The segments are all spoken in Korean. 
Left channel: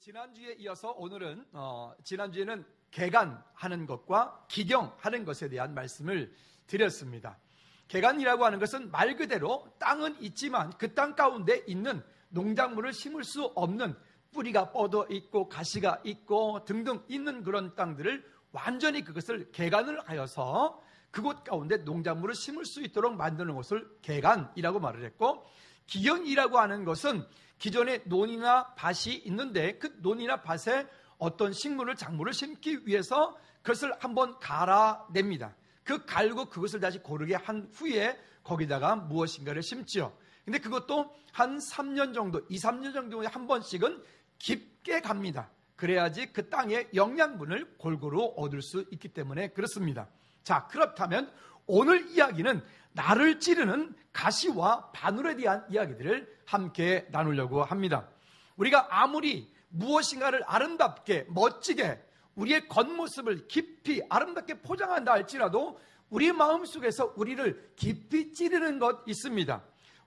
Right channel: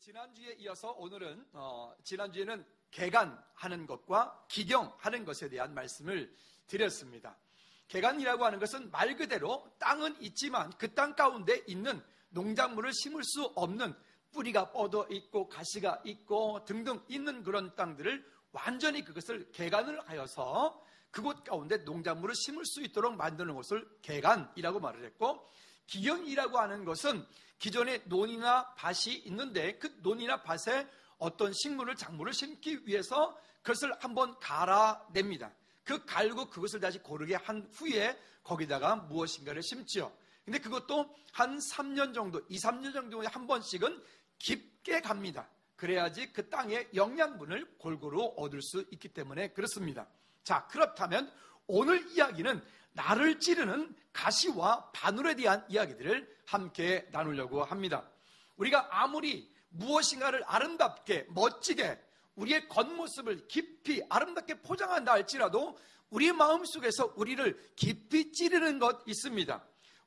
지난주에 이어서 오늘은 지난주에는 개간하는 것과 기경하는 것에 대한 말씀을 드렸습니다. 개간이라고 하는 것은 말 그대로 땅은 있지만 그 땅 가운데 있는 농작물을 심을 수 없는 뿌리가 뻗어 있고 가시가 있고 등등 있는 그런 땅들을 완전히 그것을 개간을 하여서 그곳 가운데 농작물을 심을 수 있도록 만드는 것을 개간이라고 말을 했고, 기경이라고 하는 것은 기존에 논이나 밭이 있는데 그 논이나 밭에 어떤 식물을 작물을 심기 위해서 그것을 한번 갈아냅니다. 그 갈고 그것을 다시 고르게 한 후에 거기다가 무엇인가를 심지요. 근데 그것도 한 3년 정도, 2, 3년 정도에 한 번씩은 깊게 갑니다. 그래야지 그 땅의 영양분을 골고루 얻을 수 있기 때문에 그렇습니다. 자, 그렇다면 오늘 이야기는 나를 찌르는 가시와 바늘에 대한 이야기들을 함께 나누려고 합니다. 우리가 아무리 무엇인가를 아름답게 멋지게 우리의 겉모습을 깊이 아름답게 포장한다 할지라도 우리 마음속에서 우리를 깊이 찌르는 것 있습니다.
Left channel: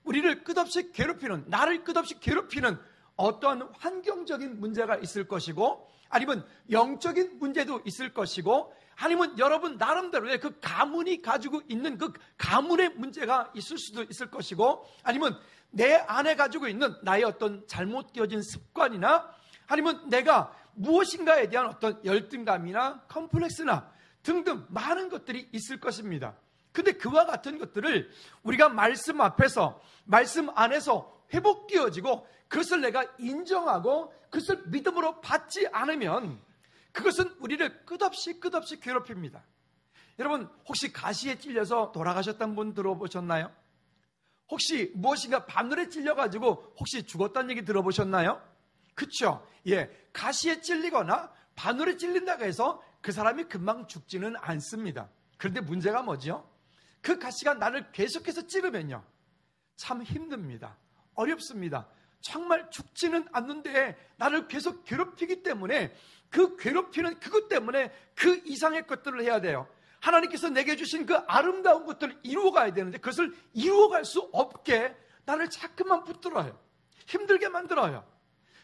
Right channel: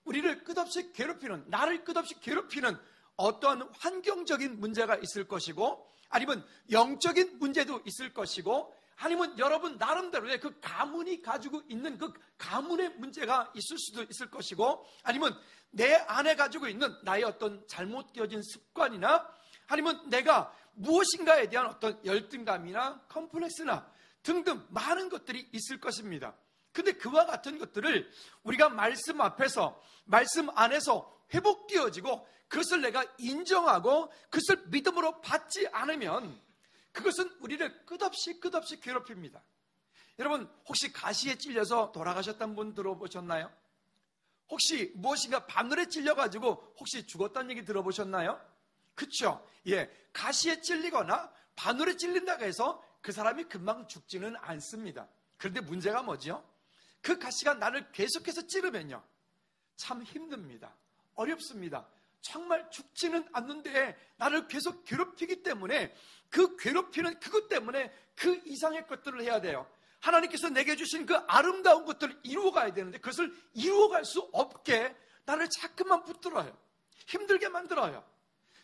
우리를 끝없이 괴롭히는, 나를 끝없이 괴롭히는 어떠한 환경적인 문제가 있을 것이고, 아니면 영적인 문제도 있을 것이고, 아니면 여러분 나름대로의 그 가문이 가지고 있는 그 가문의 문제가 있을 수도 있을 것이고, 아니면 내 안에 가지고 있는 나의 어떤 잘못되어진 습관이나, 아니면 내가 무엇인가에 대한 어떤 열등감이나 컴플렉스나 등등 많은 것들이 있을 것입니다. 근데 그와 같은 것들을 우리가 말씀 앞에서, 말씀 안에서 회복되어지고 그것을 내가 인정하고 그것을 믿음으로 받지 않으면 그것은 우리를 끝없이 괴롭힙니다. 여러분, 혹시 가시에 찔려서 돌아가셨던 분 들어보셨나요? 혹시 무엇인가 바늘에 찔려가지고 혹시 죽었다는 얘기 들어보셨나요? 그렇죠? 예, 가시에 찔리거나 바늘에 찔린다고 해서 그 사람이 금방 죽지는 않습니다. 그런데 문제가 뭐죠? 그 가시가 나를 계속해서 찌르면요, 참 힘듭니다. 어렵습니다. 정말 죽지는 않는데 나를 계속 괴롭히기 때문에 그 괴롭히는 그것 때문에 그 이상의 것들을 해야 돼요. 하나님께서 내게 주신 그 아름다운 것들을 이루어가야 되는데 그것을 이루어갈 수 없게 나를 자꾸만 붙들어요. 힘들게 만들어요.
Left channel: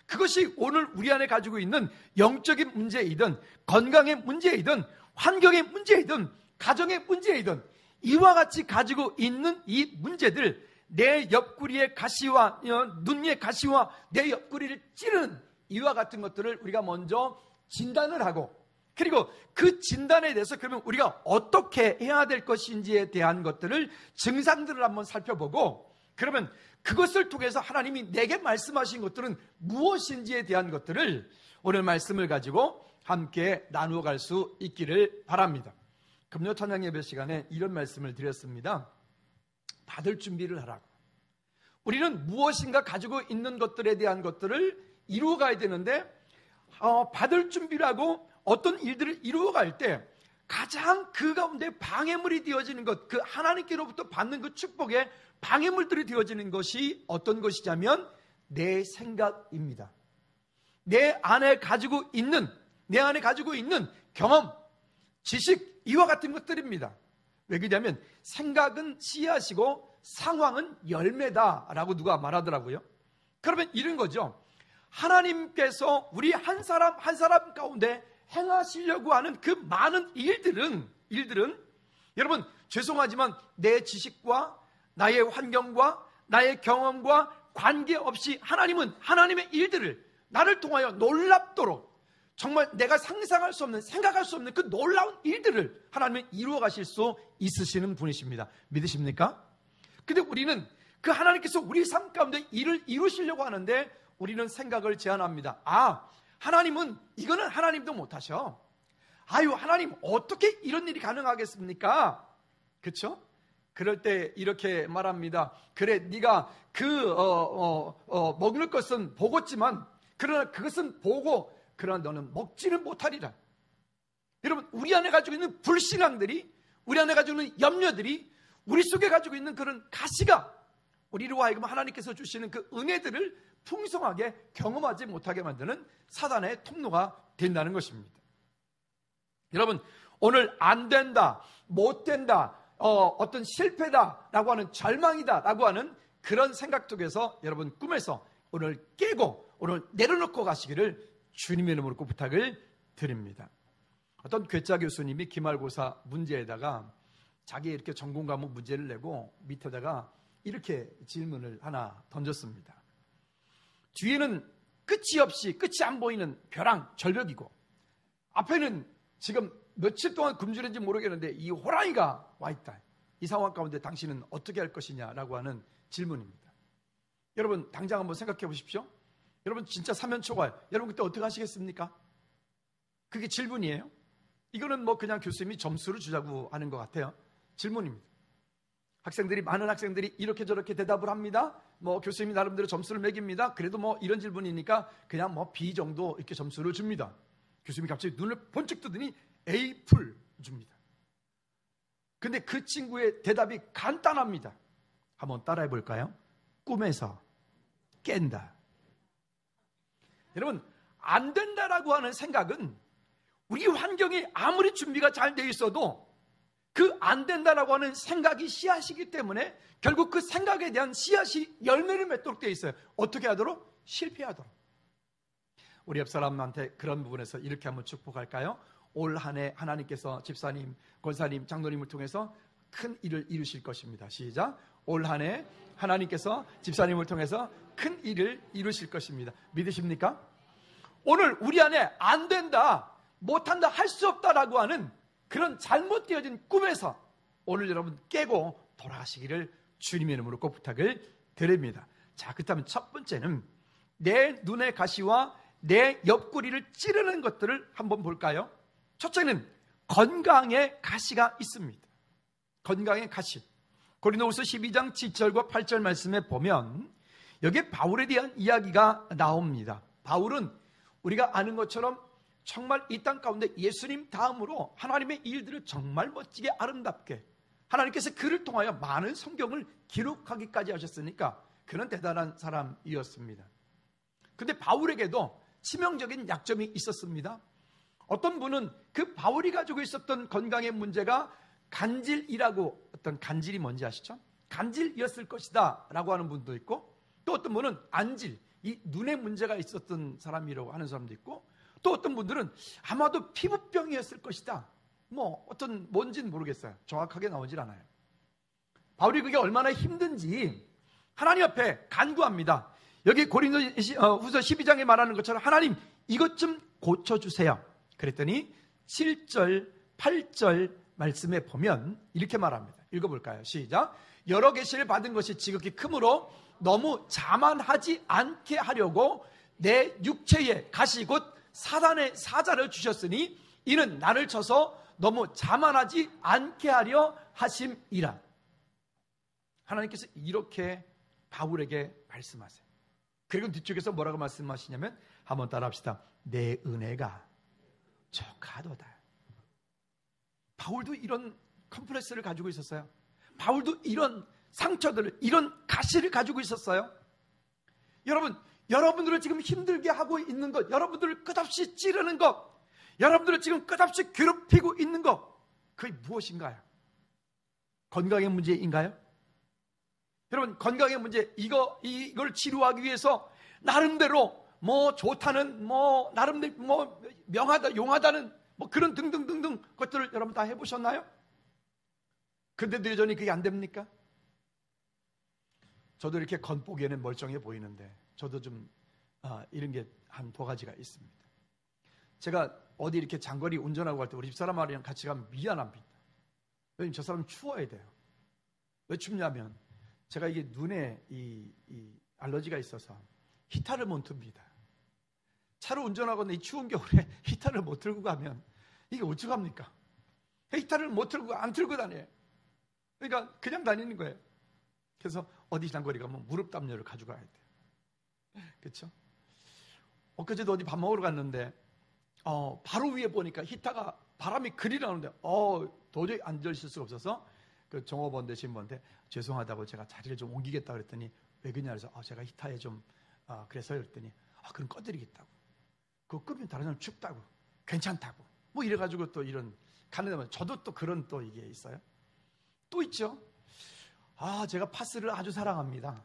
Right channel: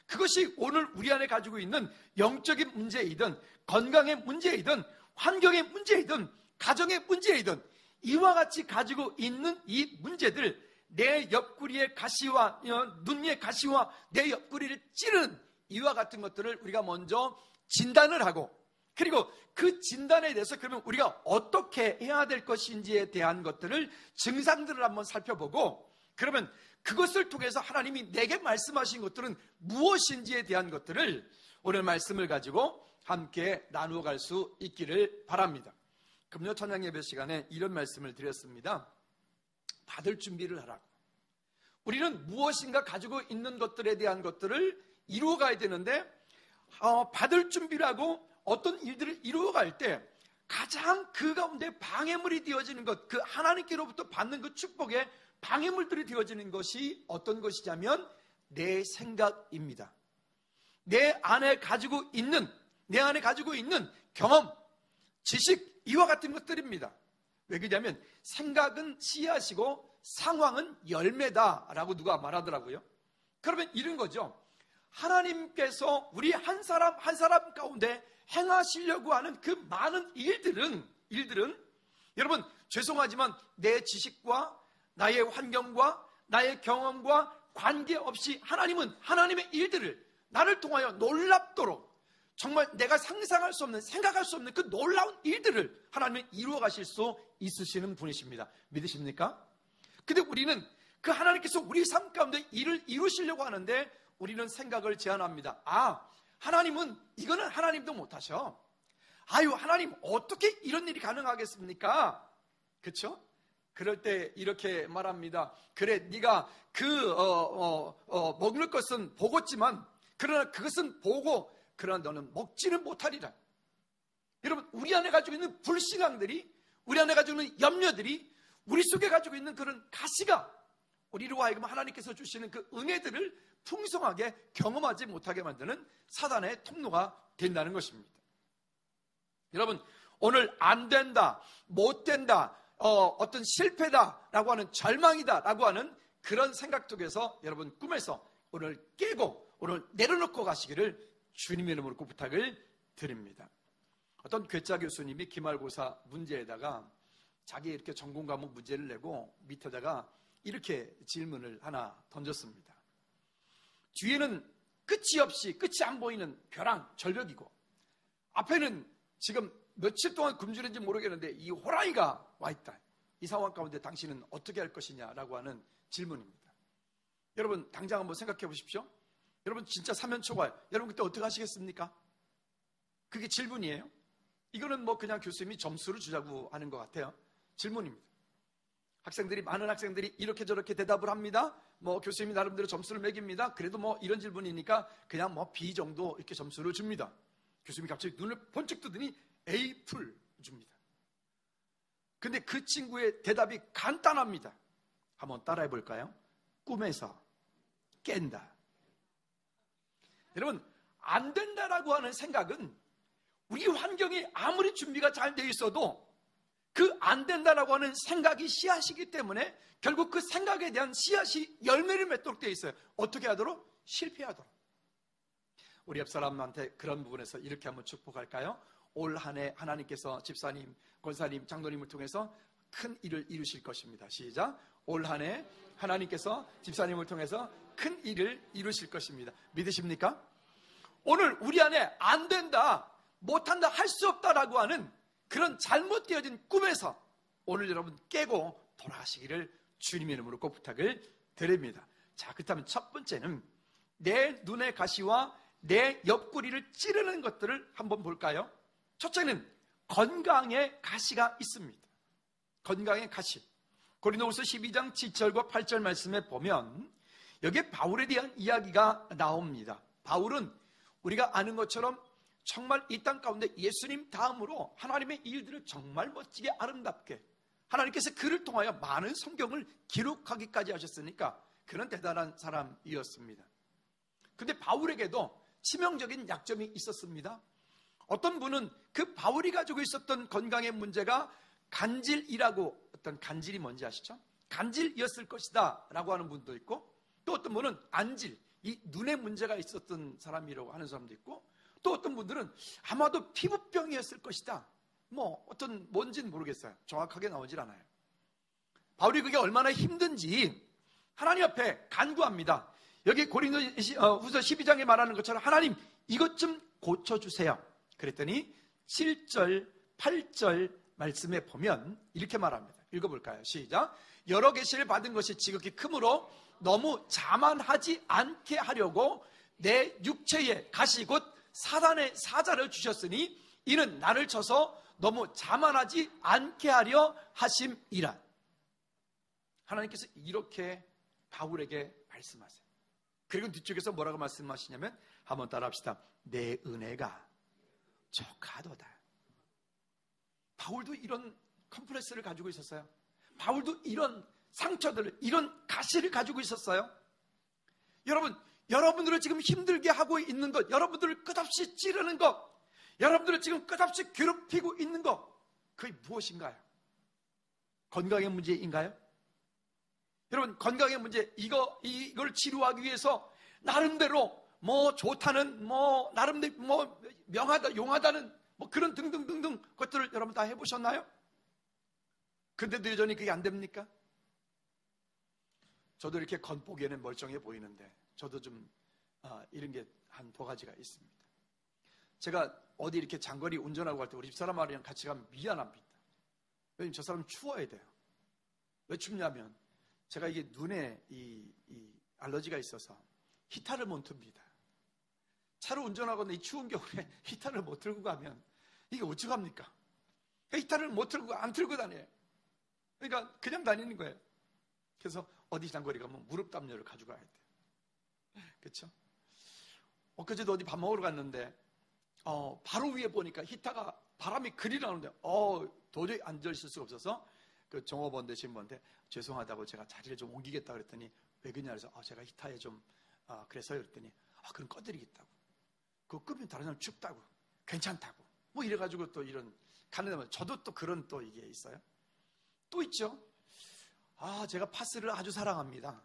그것이 오늘 우리 안에 가지고 있는 영적인 문제이든 건강의 문제이든 환경의 문제이든 가정의 문제이든 이와 같이 가지고 있는 이 문제들, 내 옆구리의 가시와 눈 위의 가시와 내 옆구리를 찌르는 이와 같은 것들을 우리가 먼저 진단을 하고, 그리고 그 진단에 대해서 그러면 우리가 어떻게 해야 될 것인지에 대한 것들을 증상들을 한번 살펴보고, 그러면 그것을 통해서 하나님이 내게 말씀하신 것들은 무엇인지에 대한 것들을 오늘 말씀을 가지고 함께 나누어 갈 수 있기를 바랍니다. 금요 찬양 예배 시간에 이런 말씀을 드렸습니다. 받을 준비를 하라고. 우리는 무엇인가 가지고 있는 것들에 대한 것들을 이루어가야 되는데 받을 준비를 하고 어떤 일들을 이루어갈 때 가장 그 가운데 방해물이 되어지는 것, 그 하나님께로부터 받는 그 축복의 방해물들이 되어지는 것이 어떤 것이냐면 내 생각입니다. 내 안에 가지고 있는 경험, 지식, 이와 같은 것들입니다. 왜 그러냐면 생각은 씨앗이고 상황은 열매다라고 누가 말하더라고요. 그러면 이런 거죠. 하나님께서 우리 한 사람 한 사람 가운데 행하시려고 하는 그 많은 일들은 여러분 죄송하지만 내 지식과 나의 환경과 나의 경험과 관계없이 하나님은 하나님의 일들을 나를 통하여 놀랍도록 정말 내가 상상할 수 없는, 생각할 수 없는 그 놀라운 일들을 하나님은 이루어 가실 수 있으시는 분이십니다. 믿으십니까? 근데 우리는 그 하나님께서 우리 삶 가운데 일을 이루시려고 하는데 우리는 생각을 제한합니다. 하나님은 이거는 하나님도 못하셔. 하나님 어떻게 이런 일이 가능하겠습니까? 그렇죠? 그럴 때 이렇게 말합니다. 그래, 네가 먹는 것은 보겠지만 그러나 그것은 보고 그러나 너는 먹지는 못하리라. 여러분, 우리 안에 가지고 있는 불신앙들이, 우리 안에 가지고 있는 염려들이, 우리 속에 가지고 있는 그런 가시가 우리로 하여금 하나님께서 주시는 그 은혜들을 풍성하게 경험하지 못하게 만드는 사단의 통로가 된다는 것입니다. 여러분, 오늘 안 된다, 못 된다, 어떤 실패다라고 하는, 절망이다라고 하는 그런 생각 속에서 여러분 꿈에서 오늘 깨고 오늘 내려놓고 가시기를 주님의 이름으로 꼭 부탁을 드립니다. 어떤 괴짜 교수님이 기말고사 문제에다가 자기 이렇게 전공 과목 문제를 내고 밑에다가 이렇게 질문을 하나 던졌습니다. 뒤에는 끝이 없이 끝이 안 보이는 벼랑 절벽이고 앞에는 지금 며칠 동안 굶주렸는지 모르겠는데 이 호랑이가 와 있다. 이 상황 가운데 당신은 어떻게 할 것이냐라고 하는 질문입니다. 여러분 당장 한번 생각해 보십시오. 여러분 진짜 사면초가 여러분 그때 어떻게 하시겠습니까? 그게 질문이에요. 이거는 뭐 그냥 교수님이 점수를 주자고 하는 것 같아요. 질문입니다. 많은 학생들이 이렇게 저렇게 대답을 합니다. 뭐 교수님이 나름대로 점수를 매깁니다. 그래도 뭐 이런 질문이니까 그냥 뭐 B 정도 이렇게 점수를 줍니다. 교수님이 갑자기 눈을 번쩍 뜨더니 A 풀 줍니다. 근데 그 친구의 대답이 간단합니다. 한번 따라해 볼까요? 꿈에서 깬다. 여러분 안 된다라고 하는 생각은 우리 환경이 아무리 준비가 잘 돼 있어도 그 안 된다라고 하는 생각이 씨앗이기 때문에 결국 그 생각에 대한 씨앗이 열매를 맺도록 되어 있어요. 어떻게 하도록? 실패하도록. 우리 옆 사람한테 그런 부분에서 이렇게 한번 축복할까요? 올 한 해 하나님께서 집사님, 권사님, 장로님을 통해서 큰 일을 이루실 것입니다. 시작. 올 한 해 하나님께서 집사님을 통해서 큰 일을 이루실 것입니다. 믿으십니까? 오늘 우리 안에 안 된다, 못한다, 할 수 없다라고 하는 그런 잘못되어진 꿈에서 오늘 여러분 깨고 돌아가시기를 주님의 이름으로 꼭 부탁을 드립니다. 자, 그렇다면 첫 번째는 내 눈의 가시와 내 옆구리를 찌르는 것들을 한번 볼까요? 첫째는 건강의 가시가 있습니다. 건강의 가시. 고린도후서 12장 7절과 8절 말씀에 보면 여기에 바울에 대한 이야기가 나옵니다. 바울은 우리가 아는 것처럼 정말 이 땅 가운데 예수님 다음으로 하나님의 일들을 정말 멋지게 아름답게 하나님께서 그를 통하여 많은 성경을 기록하기까지 하셨으니까 그는 대단한 사람이었습니다. 그런데 바울에게도 치명적인 약점이 있었습니다. 어떤 분은 그 바울이 가지고 있었던 건강의 문제가 간질이라고, 어떤 간질이 뭔지 아시죠? 간질이었을 것이다 라고 하는 분도 있고, 또 어떤 분은 안질, 이 눈에 문제가 있었던 사람이라고 하는 사람도 있고, 또 어떤 분들은 아마도 피부병이었을 것이다. 뭐 어떤 뭔지는 모르겠어요. 정확하게 나오질 않아요. 바울이 그게 얼마나 힘든지 하나님 앞에 간구합니다. 여기 고린도후서 12장에 말하는 것처럼 하나님 이것 좀 고쳐주세요. 그랬더니 7절 8절 말씀에 보면 이렇게 말합니다. 읽어볼까요? 시작. 여러 계시를 받은 것이 지극히 크므로 너무 자만하지 않게 하려고 내 육체에 가시 곧 사단의 사자를 주셨으니 이는 나를 쳐서 너무 자만하지 않게 하려 하심이라. 하나님께서 이렇게 바울에게 말씀하세요. 그리고 뒤쪽에서 뭐라고 말씀하시냐면 한번 따라합시다. 내 은혜가 족하도다. 바울도 이런 컴플렉스를 가지고 있었어요. 바울도 이런 상처들을, 이런 가시를 가지고 있었어요. 여러분들을 지금 힘들게 하고 있는 것, 여러분들을 끝없이 찌르는 것, 여러분들을 지금 끝없이 괴롭히고 있는 것, 그게 무엇인가요? 건강의 문제인가요? 여러분, 건강의 문제, 이걸 치료하기 위해서 나름대로 뭐 좋다는, 뭐 나름대로 뭐 명하다, 용하다는 뭐 그런 등등등등 것들을 여러분 다 해보셨나요? 근데도 여전히 그게 안 됩니까? 저도 이렇게 겉보기에는 멀쩡해 보이는데 저도 좀 이런 게 한 두 가지가 있습니다. 제가 어디 이렇게 장거리 운전하고 갈 때 우리 집사람이랑 같이 가면 미안합니다. 왜냐면 저 사람 추워야 돼요. 왜 춥냐면 제가 이게 눈에 이 알러지가 있어서 히터를 못 틉니다. 차로 운전하거나 이 추운 겨울에 히터를 못 틀고 가면 이게 어쩌합니까? 히터를 못 틀고 안 틀고 다녀요. 그러니까 그냥 다니는 거예요. 그래서 어디 장거리 가면 무릎 담요를 가져가야 돼요. 그렇죠? 엊그제도 어디 밥 먹으러 갔는데 바로 위에 보니까 히터가 바람이 그리 나오는데 도저히 앉아 있을 수가 없어서 그 종업원 되신 분한테 죄송하다고 제가 자리를 좀 옮기겠다 그랬더니 왜 그러냐 그래서 제가 히터에 좀 그래서요 그랬더니 그럼 꺼드리겠다고. 그거 끄면 다른 사람 춥다고 괜찮다고 뭐 이래가지고 또 이런 가는 데만 저도 또 그런 또 이게 있어요. 또 있죠. 제가 파스를 아주 사랑합니다.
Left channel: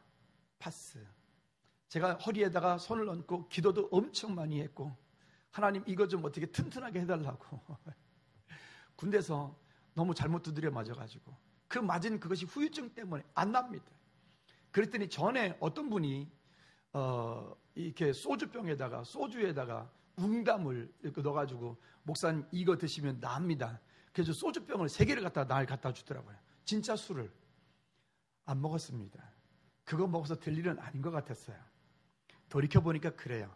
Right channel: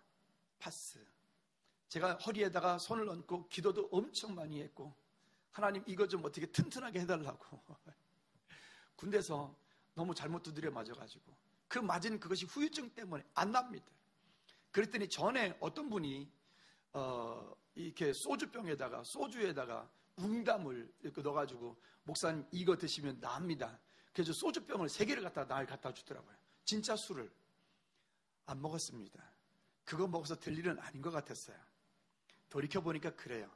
파스. 제가 허리에다가 손을 얹고 기도도 엄청 많이 했고 하나님 이거 좀 어떻게 튼튼하게 해달라고. 군대에서 너무 잘못 두드려 맞아가지고 그 맞은 그것이 후유증 때문에 안 납니다. 그랬더니 전에 어떤 분이 이렇게 소주에다가 웅담을 이렇게 넣어가지고 목사님 이거 드시면 납니다. 그래서 소주병을 3개를 갖다 주더라고요. 진짜 술을 안 먹었습니다. 그거 먹어서 될 일은 아닌 것 같았어요. 돌이켜보니까 그래요.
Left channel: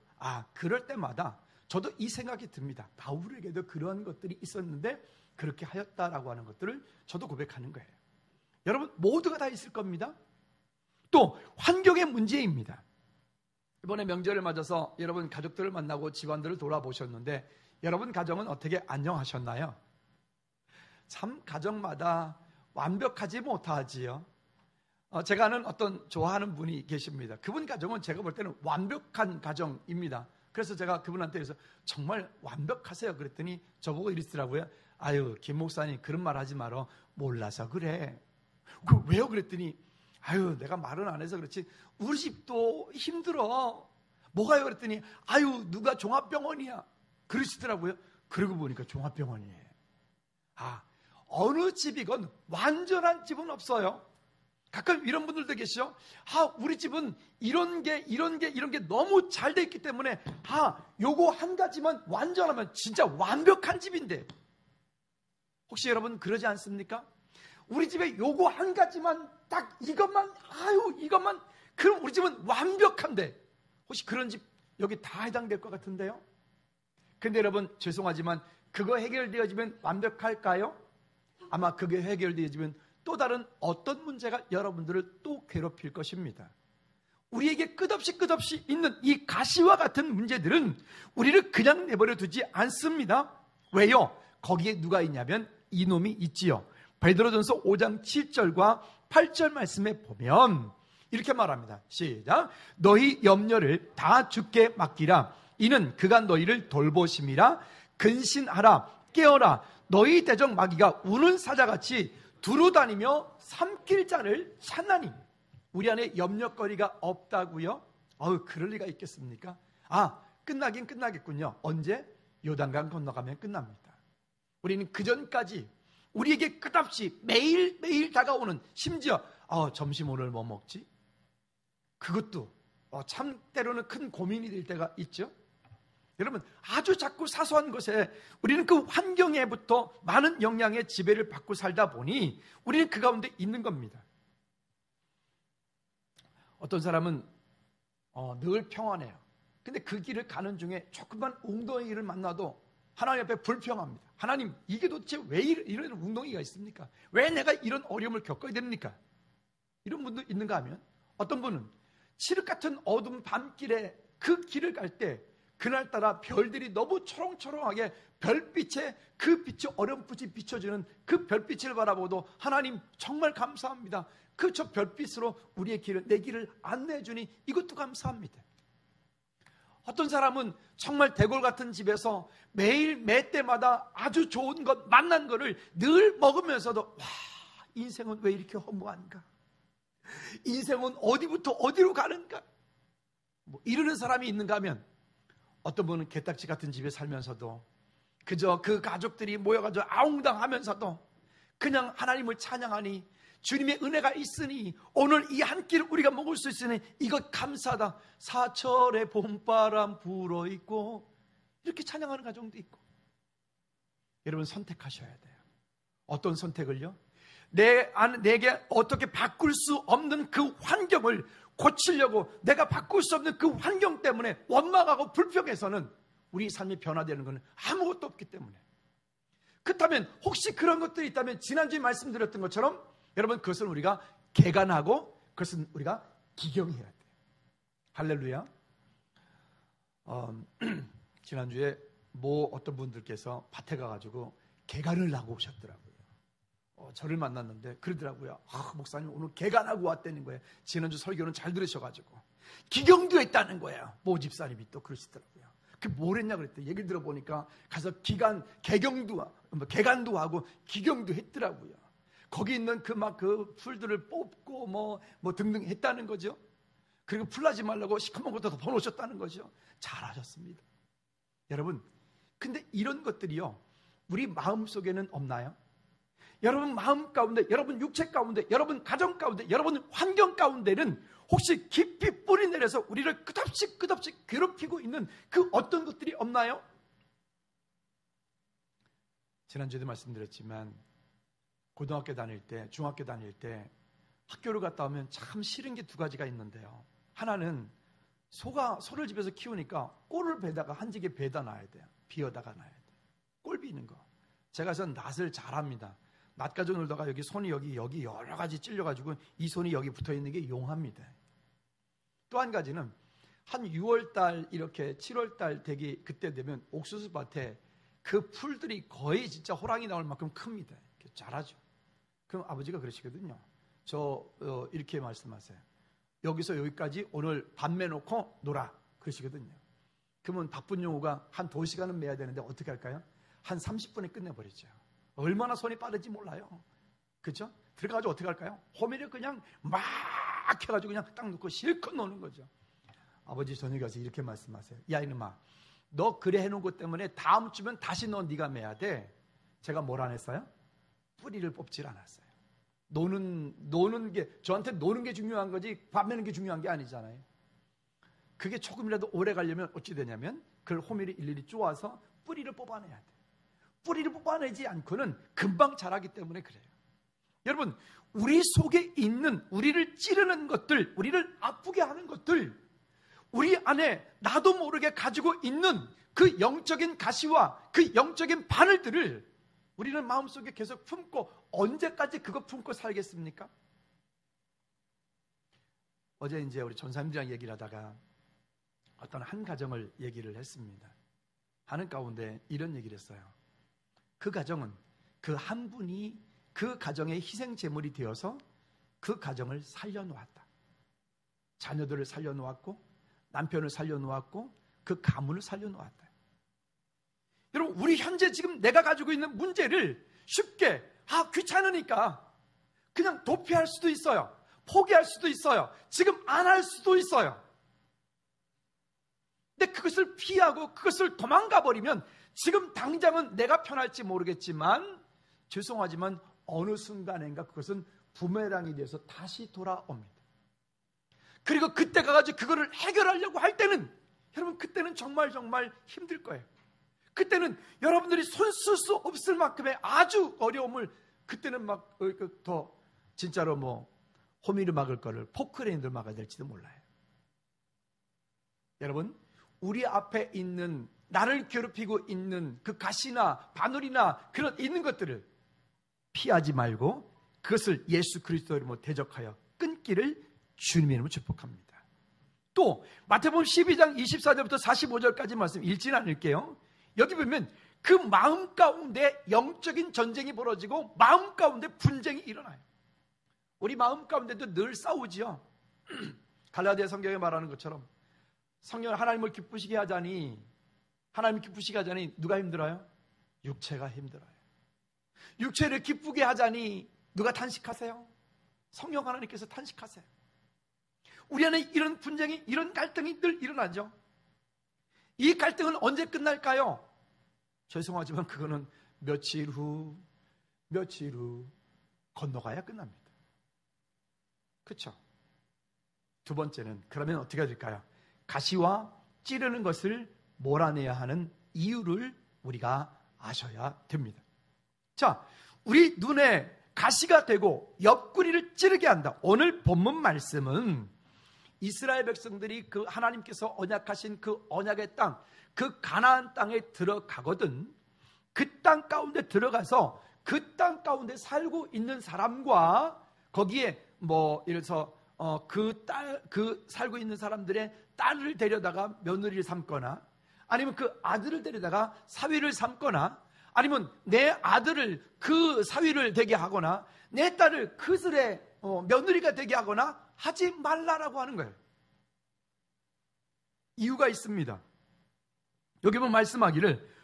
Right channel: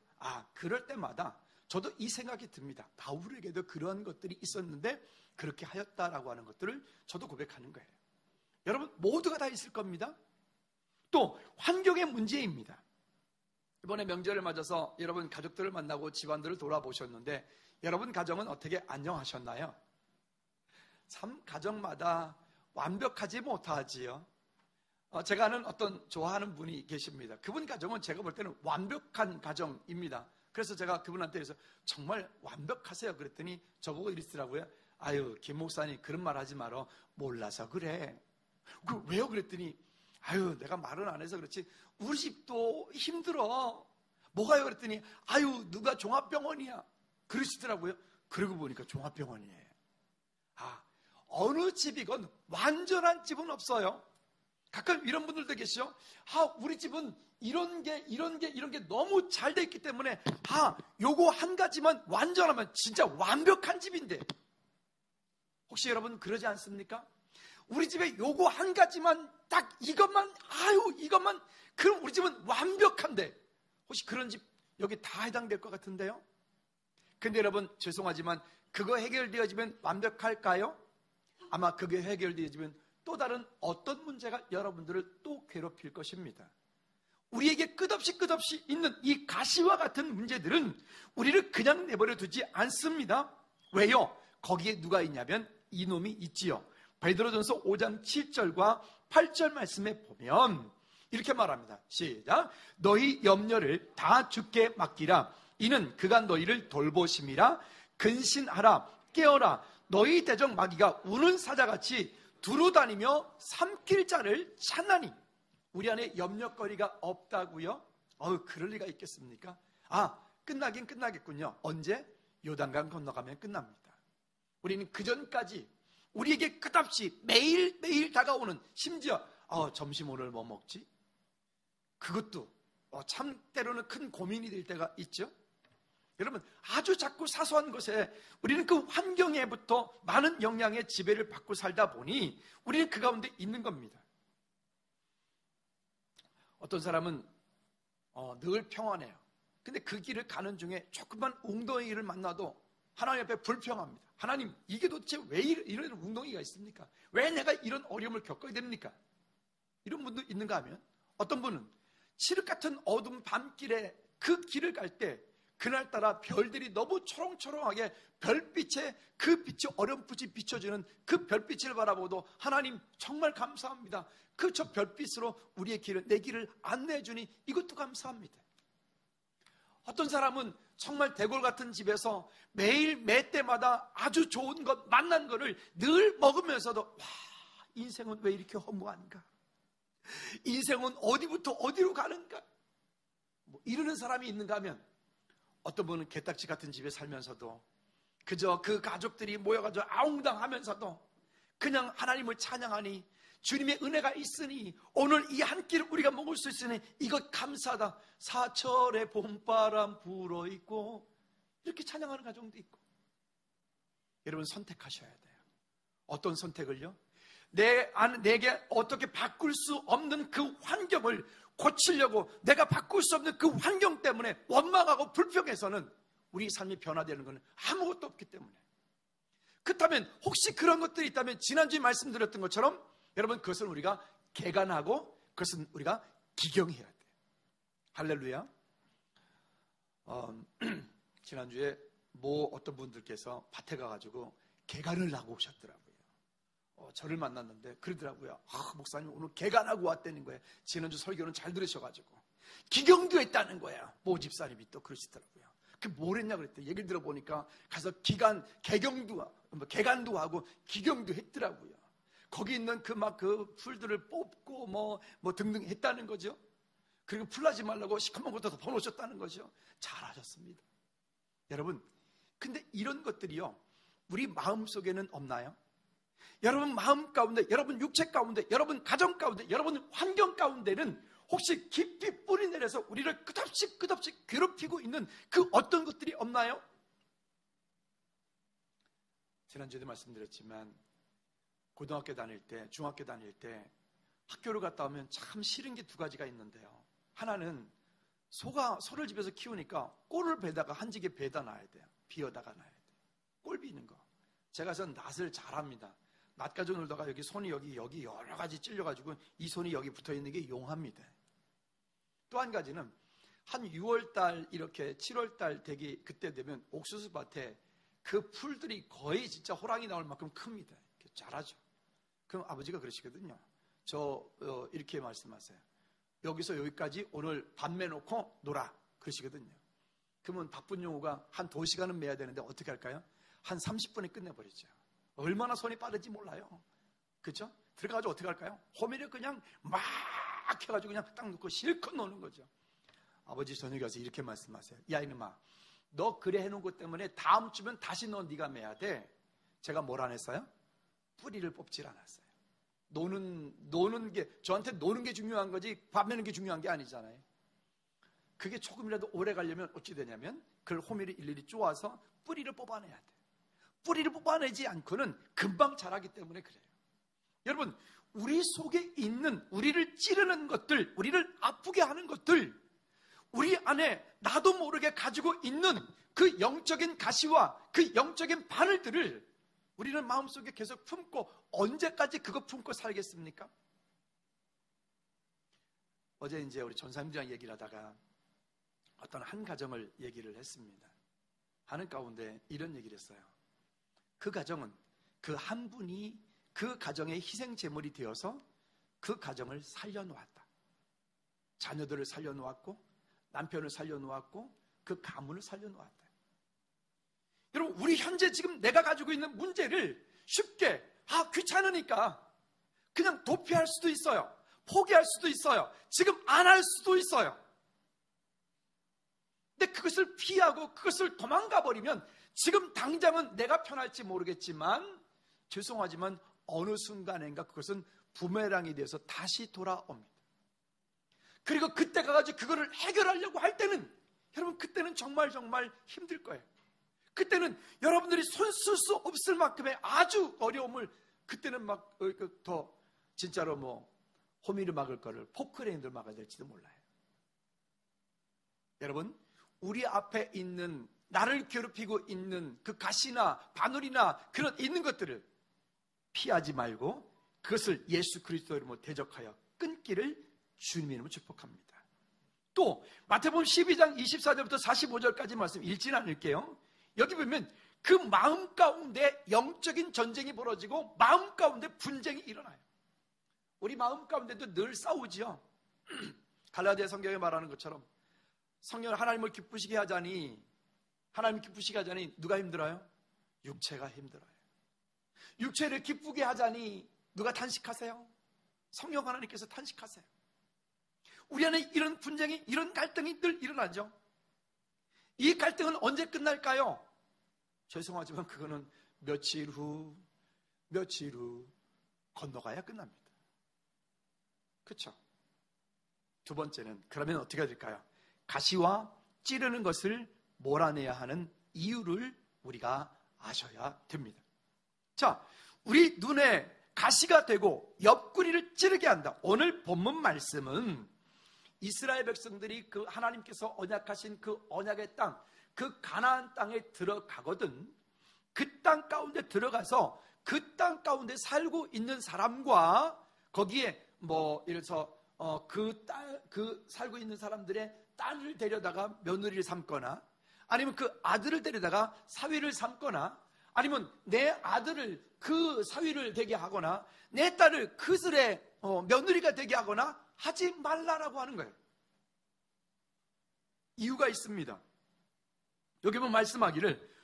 그럴 때마다 저도 이 생각이 듭니다. 바울에게도 그런 것들이 있었는데 그렇게 하였다라고 하는 것들을 저도 고백하는 거예요. 여러분 모두가 다 있을 겁니다. 또 환경의 문제입니다. 이번에 명절을 맞아서 여러분 가족들을 만나고 집안들을 돌아보셨는데 여러분 가정은 어떻게 안녕하셨나요? 참 가정마다 완벽하지 못하지요. 제가 아는 어떤 좋아하는 분이 계십니다. 그분 가정은 제가 볼 때는 완벽한 가정입니다. 그래서 제가 그분한테 그래서 정말 완벽하세요 그랬더니 저보고 이러시더라고요. 아유 김 목사님 그런 말 하지 마라. 몰라서 그래. 왜요? 그랬더니 아유 내가 말은 안 해서 그렇지 우리 집도 힘들어. 뭐가요? 그랬더니 아유 누가 종합병원이야 그러시더라고요. 그러고 보니까 종합병원이에요. 어느 집이건 완전한 집은 없어요. 가끔 이런 분들도 계시죠. 우리 집은 이런 게 너무 잘 돼 있기 때문에 요거 한 가지만 완전하면 진짜 완벽한 집인데 혹시 여러분 그러지 않습니까? 우리 집에 요거 한 가지만 딱 이것만 그럼 우리 집은 완벽한데 혹시 그런 집 여기 다 해당될 것 같은데요? 근데 여러분 죄송하지만 그거 해결되어지면 완벽할까요? 아마 그게 해결되어지면 또 다른 어떤 문제가 여러분들을 또 괴롭힐 것입니다. 우리에게 끝없이 있는 이 가시와 같은 문제들은 우리를 그냥 내버려 두지 않습니다. 왜요? 거기에 누가 있냐면 이놈이 있지요. 베드로전서 5장 7절과 8절 말씀에 보면 이렇게 말합니다. 시작. 너희 염려를 다 주께 맡기라. 이는 그가 너희를 돌보심이라. 근신하라. 깨어라. 너희 대적 마귀가 우는 사자같이 두루다니며 삼킬 자를 찾나니. 우리 안에 염려거리가 없다고요? 그럴 리가 있겠습니까? 끝나긴 끝나겠군요. 언제? 요단강 건너가면 끝납니다. 우리는 그전까지 우리에게 끝없이 매일 다가오는 심지어 점심 오늘 뭐 먹지? 그것도 참 때로는 큰 고민이 될 때가 있죠. 여러분 아주 작고 사소한 것에 우리는 그 환경에부터 많은 영향의 지배를 받고 살다 보니 우리는 그 가운데 있는 겁니다. 어떤 사람은 늘 평안해요. 근데 그 길을 가는 중에 조금만 웅덩이를 만나도 하나님 앞에 불평합니다. 하나님 이게 도대체 왜 이런 웅덩이가 있습니까? 왜 내가 이런 어려움을 겪어야 됩니까? 이런 분도 있는가 하면 어떤 분은 칠흑 같은 어두운 밤길에 그 길을 갈 때 그날따라 별들이 너무 초롱초롱하게 별빛에 그 빛이 어렴풋이 비춰지는 그 별빛을 바라보도 하나님 정말 감사합니다. 그 저 별빛으로 우리의 길을 내 길을 안내해 주니 이것도 감사합니다. 어떤 사람은 정말 대골 같은 집에서 매일 매 때마다 아주 좋은 것 만난 거를 늘 먹으면서도 인생은 왜 이렇게 허무한가? 인생은 어디부터 어디로 가는가? 이러는 사람이 있는가 하면 어떤 분은 개딱지 같은 집에 살면서도 그저 그 가족들이 모여가지고 아웅당하면서도 그냥 하나님을 찬양하니 주님의 은혜가 있으니 오늘 이 한 끼를 우리가 먹을 수 있으니 이것 감사하다. 사철의 봄바람 불어있고 이렇게 찬양하는 가정도 있고. 여러분 선택하셔야 돼요. 어떤 선택을요? 내게 어떻게 바꿀 수 없는 그 환경을 고치려고 내가 바꿀 수 없는 그 환경 때문에 원망하고 불평해서는 우리 삶이 변화되는 것은 아무것도 없기 때문에. 그렇다면 혹시 그런 것들이 있다면 지난주에 말씀드렸던 것처럼 여러분 그것은 우리가 개간하고 그것은 우리가 기경해야 돼요. 할렐루야. 지난주에 어떤 분들께서 밭에 가가지고 개간을 하고 오셨더라고요. 저를 만났는데 그러더라고요. 목사님 오늘 개간하고 왔다는 거예요. 지난주 설교는 잘 들으셔가지고 기경도 했다는 거예요. 모집사님이 또 그러시더라고요. 뭘 했냐 그랬더니 얘기를 들어보니까 가서 개간도 하고 기경도 했더라고요. 거기 있는 그 풀들을 뽑고 뭐 등등 했다는 거죠. 그리고 풀나지 말라고 시커먼 것도 덮어놓으셨다는 거죠. 잘하셨습니다. 여러분, 근데 이런 것들이요, 우리 마음 속에는 없나요? 여러분 마음 가운데, 여러분 육체 가운데, 여러분 가정 가운데, 여러분 환경 가운데는 혹시 깊이 뿌리 내려서 우리를 끝없이 괴롭히고 있는 그 어떤 것들이 없나요? 지난주에도 말씀드렸지만 고등학교 다닐 때, 중학교 다닐 때 학교를 갔다 오면 참 싫은 게 두 가지가 있는데요. 하나는 소를 집에서 키우니까 꼴을 베다가 한지게 베다 놔야 돼요. 비어다가 놔야 돼요. 꼴 비는 거. 제가 선 낫을 잘합니다. 낫 가지고 놀다가 여기 손이 여기 여러 가지 찔려가지고 이 손이 여기 붙어 있는 게 용합니다. 또 한 가지는 한 6월달 이렇게 7월달 되기 그때 되면 옥수수밭에 그 풀들이 거의 진짜 호랑이 나올 만큼 큽니다. 이렇게 자라죠. 그럼 아버지가 그러시거든요. 이렇게 말씀하세요. 여기서 여기까지 오늘 밤 매놓고 놀아. 그러시거든요. 그러면 바쁜 용우가 한 2시간은 매야 되는데 어떻게 할까요? 한 30분에 끝내버리죠. 얼마나 손이 빠른지 몰라요. 그렇죠? 들어가가지고 어떻게 할까요? 호미를 그냥 막 해가지고 그냥 딱 놓고 실컷 노는 거죠. 아버지 저녁에 가서 이렇게 말씀하세요. 야 이놈아, 너 그래 해놓은 것 때문에 다음 주면 다시 네가 매야 돼. 제가 뭘 안 했어요? 뿌리를 뽑질 않았어요. 노는 게, 저한테 노는 게 중요한 거지 밥 매는 게 중요한 게 아니잖아요. 그게 조금이라도 오래 가려면 어찌 되냐면 그걸 호미를 일일이 쪼아서 뿌리를 뽑아내야 돼. 뿌리를 뽑아내지 않고는 금방 자라기 때문에 그래요. 여러분, 우리 속에 있는 우리를 찌르는 것들, 우리를 아프게 하는 것들, 우리 안에 나도 모르게 가지고 있는 그 영적인 가시와 그 영적인 바늘들을 우리는 마음속에 계속 품고 언제까지 그거 품고 살겠습니까? 어제 이제 우리 전사님들이랑 얘기를 하다가 어떤 한 가정을 얘기를 했습니다. 하는 가운데 이런 얘기를 했어요. 그 가정은 그 한 분이 그 가정의 희생제물이 되어서 그 가정을 살려놓았다. 자녀들을 살려놓았고 남편을 살려놓았고 그 가문을 살려놓았다. 여러분, 우리 현재 지금 내가 가지고 있는 문제를 쉽게 귀찮으니까 그냥 도피할 수도 있어요. 포기할 수도 있어요. 지금 안 할 수도 있어요. 근데 그것을 피하고 그것을 도망가 버리면 지금 당장은 내가 편할지 모르겠지만 죄송하지만 어느 순간인가 그것은 부메랑이 돼서 다시 돌아옵니다. 그리고 그때 가가지고 그거를 해결하려고 할 때는 여러분 그때는 정말 힘들 거예요. 그때는 여러분들이 손 쓸 수 없을 만큼의 아주 어려움을 그때는 막 더 진짜로 호미를 막을 거를 포크레인을 막아야 될지도 몰라요. 여러분, 우리 앞에 있는 나를 괴롭히고 있는 그 가시나 바늘이나 그런 있는 것들을 피하지 말고 그것을 예수 그리스도의 이름으로 대적하여 끊기를 주님의 이름으로 축복합니다. 또 마태복음 12장 24절부터 45절까지 말씀 읽지는 않을게요. 여기 보면 그 마음 가운데 영적인 전쟁이 벌어지고 마음 가운데 분쟁이 일어나요. 우리 마음 가운데도 늘 싸우지요. 갈라디아 성경에 말하는 것처럼 성령 하나님을 기쁘시게 하자니 누가 힘들어요? 육체가 힘들어요. 육체를 기쁘게 하자니 누가 탄식하세요? 성령 하나님께서 탄식하세요. 우리 안에 이런 분쟁이, 이런 갈등이 늘 일어나죠. 이 갈등은 언제 끝날까요? 죄송하지만 그거는 며칠 후 건너가야 끝납니다. 그렇죠? 두 번째는 그러면 어떻게 될까요? 가시와 찌르는 것을 몰아내야 하는 이유를 우리가 아셔야 됩니다. 자, 우리 눈에 가시가 되고 옆구리를 찌르게 한다. 오늘 본문 말씀은 이스라엘 백성들이 그 하나님께서 언약하신 그 언약의 땅, 그 가나안 땅에 들어가거든 그 땅 가운데 들어가서 그 땅 가운데 살고 있는 사람과 거기에 예를 들어서 그 살고 있는 사람들의 딸을 데려다가 며느리를 삼거나 아니면 그 아들을 데려다가 사위를 삼거나 아니면 내 아들을 그 사위를 되게 하거나 내 딸을 그 들의 며느리가 되게 하거나 하지 말라라고 하는 거예요. 이유가 있습니다. 여기 보면 말씀하기를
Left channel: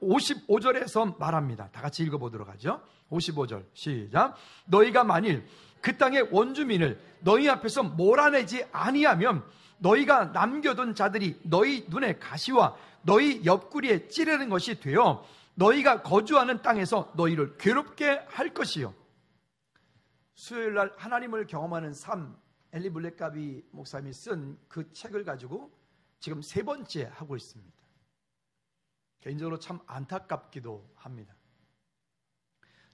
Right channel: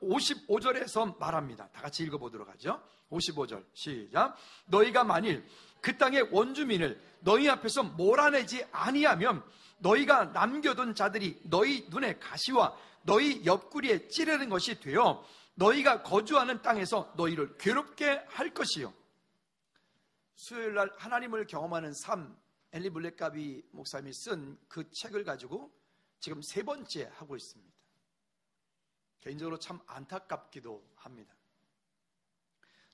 55절에서 말합니다. 다 같이 읽어보도록 하죠. 55절 시작. 너희가 만일 그 땅의 원주민을 너희 앞에서 몰아내지 아니하면 너희가 남겨둔 자들이 너희 눈에 가시와 너희 옆구리에 찌르는 것이 되어 너희가 거주하는 땅에서 너희를 괴롭게 할 것이요. 수요일날 하나님을 경험하는 삶, 엘리 블랙가비 목사님이 쓴 그 책을 가지고 지금 3번째 하고 있습니다. 개인적으로 참 안타깝기도 합니다.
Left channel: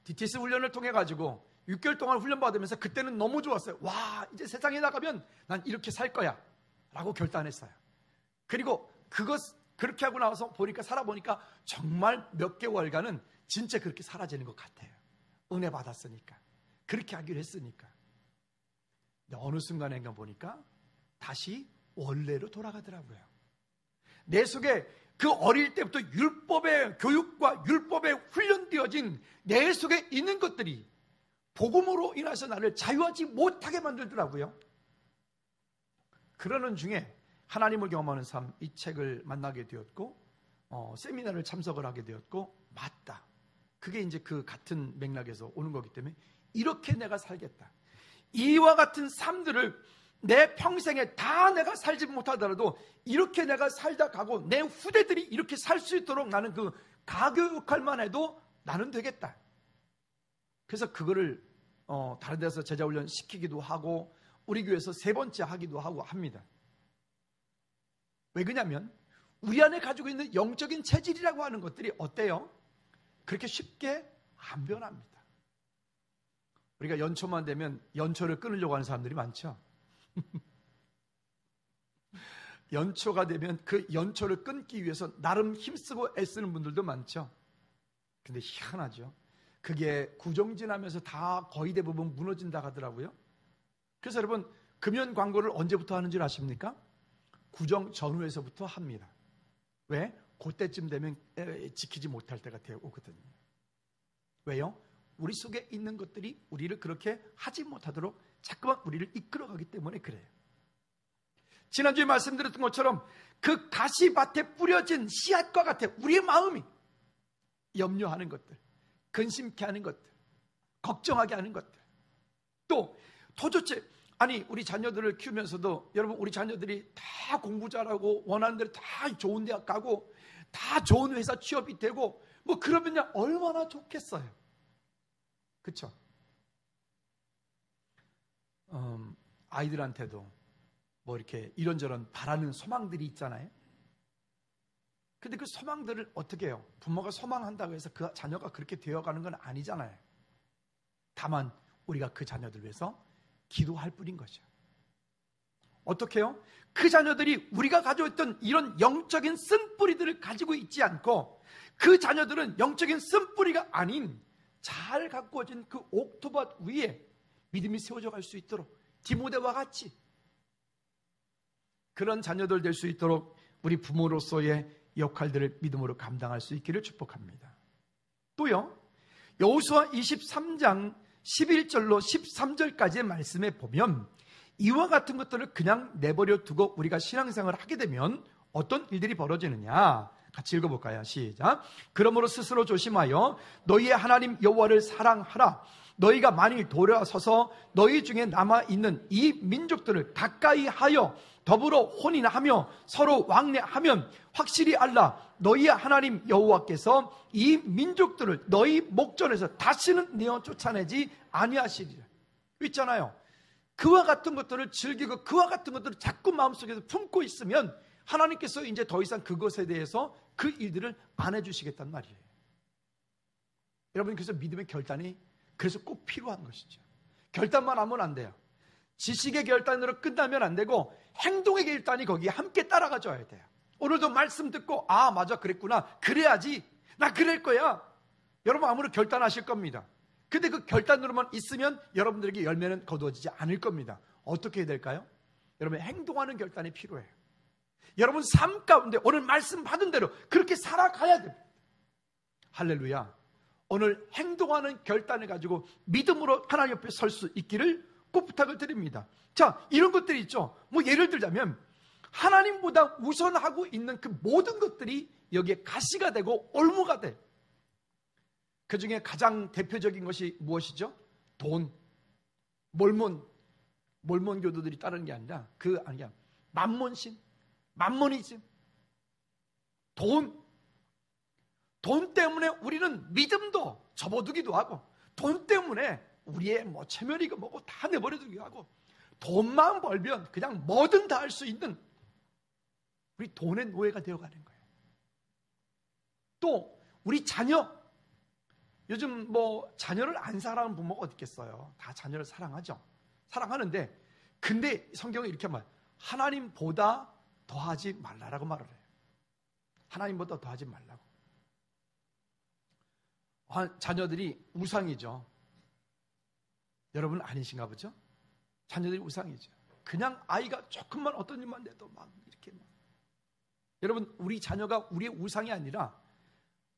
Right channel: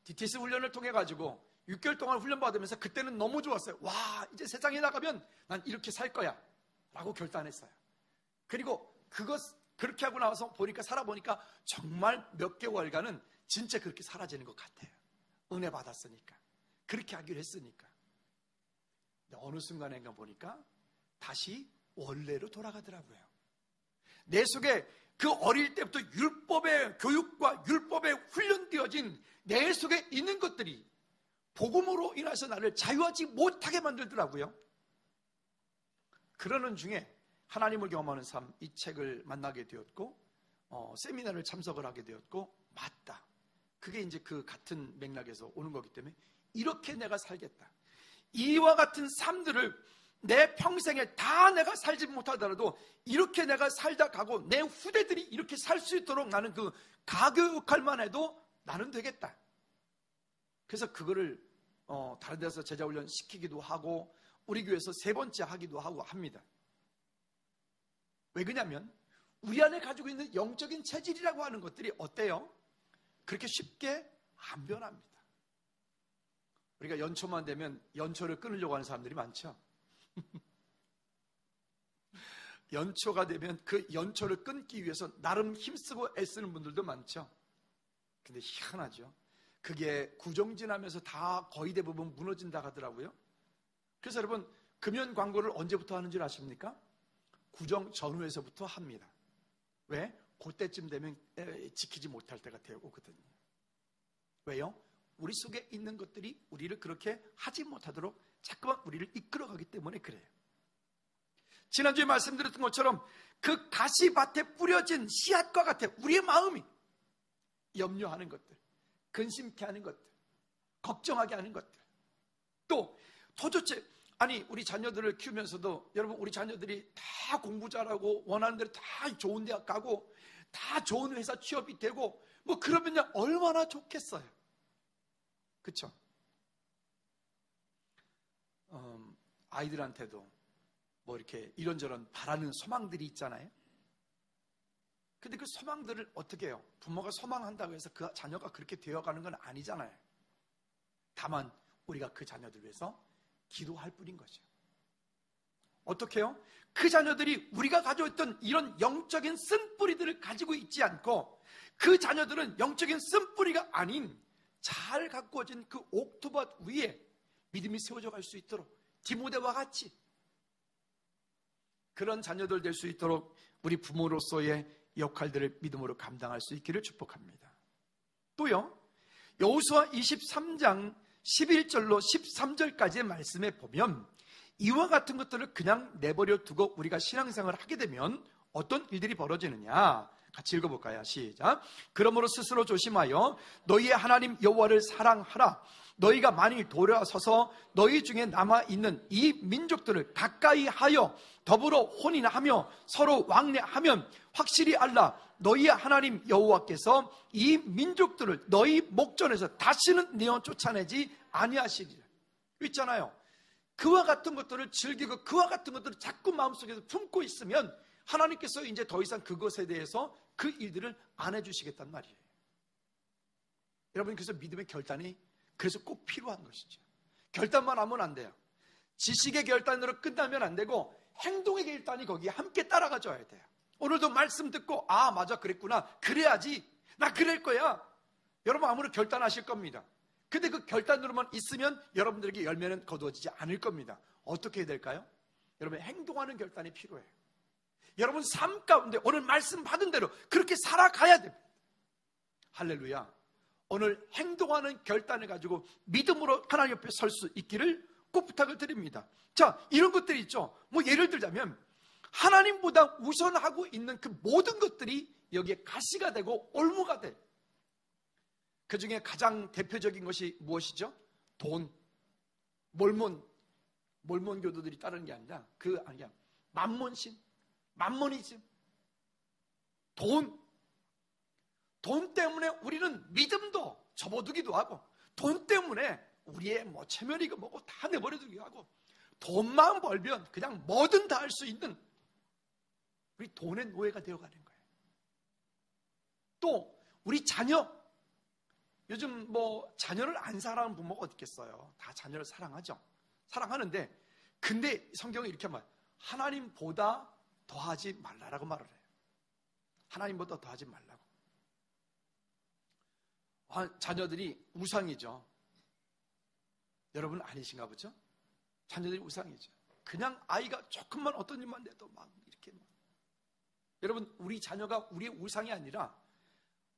DTS 훈련을 통해 가지고 6개월 동안 훈련받으면서 그때는 너무 좋았어요. 와, 이제 세상에 나가면 난 이렇게 살 거야 라고 결단했어요. 그리고 그렇게 하고 나서 살아보니까 정말 몇 개월간은 진짜 그렇게 사라지는 것 같아요. 은혜 받았으니까, 그렇게 하기로 했으니까. 근데 어느 순간인가 보니까 다시 원래로 돌아가더라고요. 내 속에 그 어릴 때부터 율법의 교육과 율법에 훈련되어진 내 속에 있는 것들이 복음으로 인해서 나를 자유하지 못하게 만들더라고요. 그러는 중에 하나님을 경험하는 삶, 이 책을 만나게 되었고 세미나를 참석을 하게 되었고, 맞다, 그게 이제 그 같은 맥락에서 오는 거기 때문에 이렇게 내가 살겠다. 이와 같은 삶들을 내 평생에 다 내가 살지 못하더라도 이렇게 내가 살다 가고 내 후대들이 이렇게 살 수 있도록 나는 그 가교 역할만 해도 나는 되겠다. 그래서 그거를 다른 데서 제자훈련 시키기도 하고 우리 교회에서 3번째 하기도 하고 합니다. 왜 그러냐면 우리 안에 가지고 있는 영적인 체질이라고 하는 것들이 어때요? 그렇게 쉽게 안 변합니다. 우리가 연초만 되면 연초를 끊으려고 하는 사람들이 많죠. 연초가 되면 그 연초를 끊기 위해서 나름 힘쓰고 애쓰는 분들도 많죠. 근데 희한하죠. 그게 구정 지나면서 다 거의 대부분 무너진다 하더라고요. 그래서 여러분, 금연 광고를 언제부터 하는 줄 아십니까? 구정 전후에서부터 합니다. 왜? 그때쯤 되면 지키지 못할 때가 오거든요. 왜요? 우리 속에 있는 것들이 우리를 그렇게 하지 못하도록 자꾸만 우리를 이끌어가기 때문에 그래요. 지난주에 말씀드렸던 것처럼 그 가시밭에 뿌려진 씨앗과 같아 우리의 마음이 염려하는 것들, 근심케 하는 것들, 걱정하게 하는 것들, 또 도대체 우리 자녀들을 키우면서도 여러분, 우리 자녀들이 다 공부 잘하고 원하는 대로 다 좋은 대학 가고 다 좋은 회사 취업이 되고 뭐 그러면 얼마나 좋겠어요. 그렇죠? 아이들한테도 뭐 이렇게 이런저런 바라는 소망들이 있잖아요. 근데 그 소망들을 어떻게 해요? 부모가 소망한다고 해서 그 자녀가 그렇게 되어가는 건 아니잖아요. 다만 우리가 그 자녀들 위해서 기도할 뿐인 거죠. 어떻게 해요? 그 자녀들이 우리가 가지고 있던 이런 영적인 쓴뿌리들을 가지고 있지 않고 그 자녀들은 영적인 쓴뿌리가 아닌 잘 가꾸어진 그 옥토밭 위에 믿음이 세워져 갈 수 있도록 디모데와 같이 그런 자녀들 될 수 있도록 우리 부모로서의 역할들을 믿음으로 감당할 수 있기를 축복합니다. 또요, 여호수아 23장 11절로 13절까지의 말씀에 보면 이와 같은 것들을 그냥 내버려 두고 우리가 신앙생활을 하게 되면 어떤 일들이 벌어지느냐, 같이 읽어볼까요? 시작. 그러므로 스스로 조심하여 너희의 하나님 여호와를 사랑하라. 너희가 만일 돌아서서 너희 중에 남아있는 이 민족들을 가까이 하여 더불어 혼인하며 서로 왕래하면 확실히 알라. 너희의 하나님 여호와께서 이 민족들을 너희 목전에서 다시는 내어 쫓아내지 아니하시리라. 있잖아요. 그와 같은 것들을 즐기고 그와 같은 것들을 자꾸 마음속에서 품고 있으면 하나님께서 이제 더 이상 그것에 대해서 그 일들을 안 해주시겠단 말이에요. 여러분, 그래서 믿음의 결단이 그래서 꼭 필요한 것이죠. 결단만 하면 안 돼요. 지식의 결단으로 끝나면 안 되고 행동의 결단이 거기에 함께 따라가줘야 돼요. 오늘도 말씀 듣고 맞아, 그랬구나, 그래야지, 나 그럴 거야, 여러분 아무로 결단하실 겁니다. 근데 그 결단으로만 있으면 여러분들에게 열매는 거두어지지 않을 겁니다. 어떻게 해야 될까요? 여러분, 행동하는 결단이 필요해요. 여러분 삶 가운데 오늘 말씀 받은 대로 그렇게 살아가야 됩니다. 할렐루야. 오늘 행동하는 결단을 가지고 믿음으로 하나님 옆에 설 수 있기를 꼭 부탁을 드립니다. 자, 이런 것들이 있죠. 뭐 예를 들자면 하나님보다 우선하고 있는 그 모든 것들이 여기에 가시가 되고 올무가 돼. 그 중에 가장 대표적인 것이 무엇이죠? 돈. 몰몬 교도들이 따르는 게 아니라 만몬신, 만모니즘, 돈 때문에 우리는 믿음도 접어두기도 하고, 돈 때문에 우리의 체면이고 뭐고 다 내버려두기도 하고, 돈만 벌면 그냥 뭐든 다 할 수 있는 우리 돈의 노예가 되어가는 거예요. 또 우리 자녀, 요즘 자녀를 안 사랑하는 부모가 어디 있겠어요? 다 자녀를 사랑하죠. 사랑하는데, 근데 성경은 이렇게 말해요. 하나님보다 더하지 말라라고 말을 해요. 하나님보다 더하지 말라고. 자녀들이 우상이죠. 여러분 아니신가 보죠? 자녀들이 우상이죠. 그냥 아이가 조금만 어떤 일만 내도 막 이렇게. 여러분, 우리 자녀가 우리의 우상이 아니라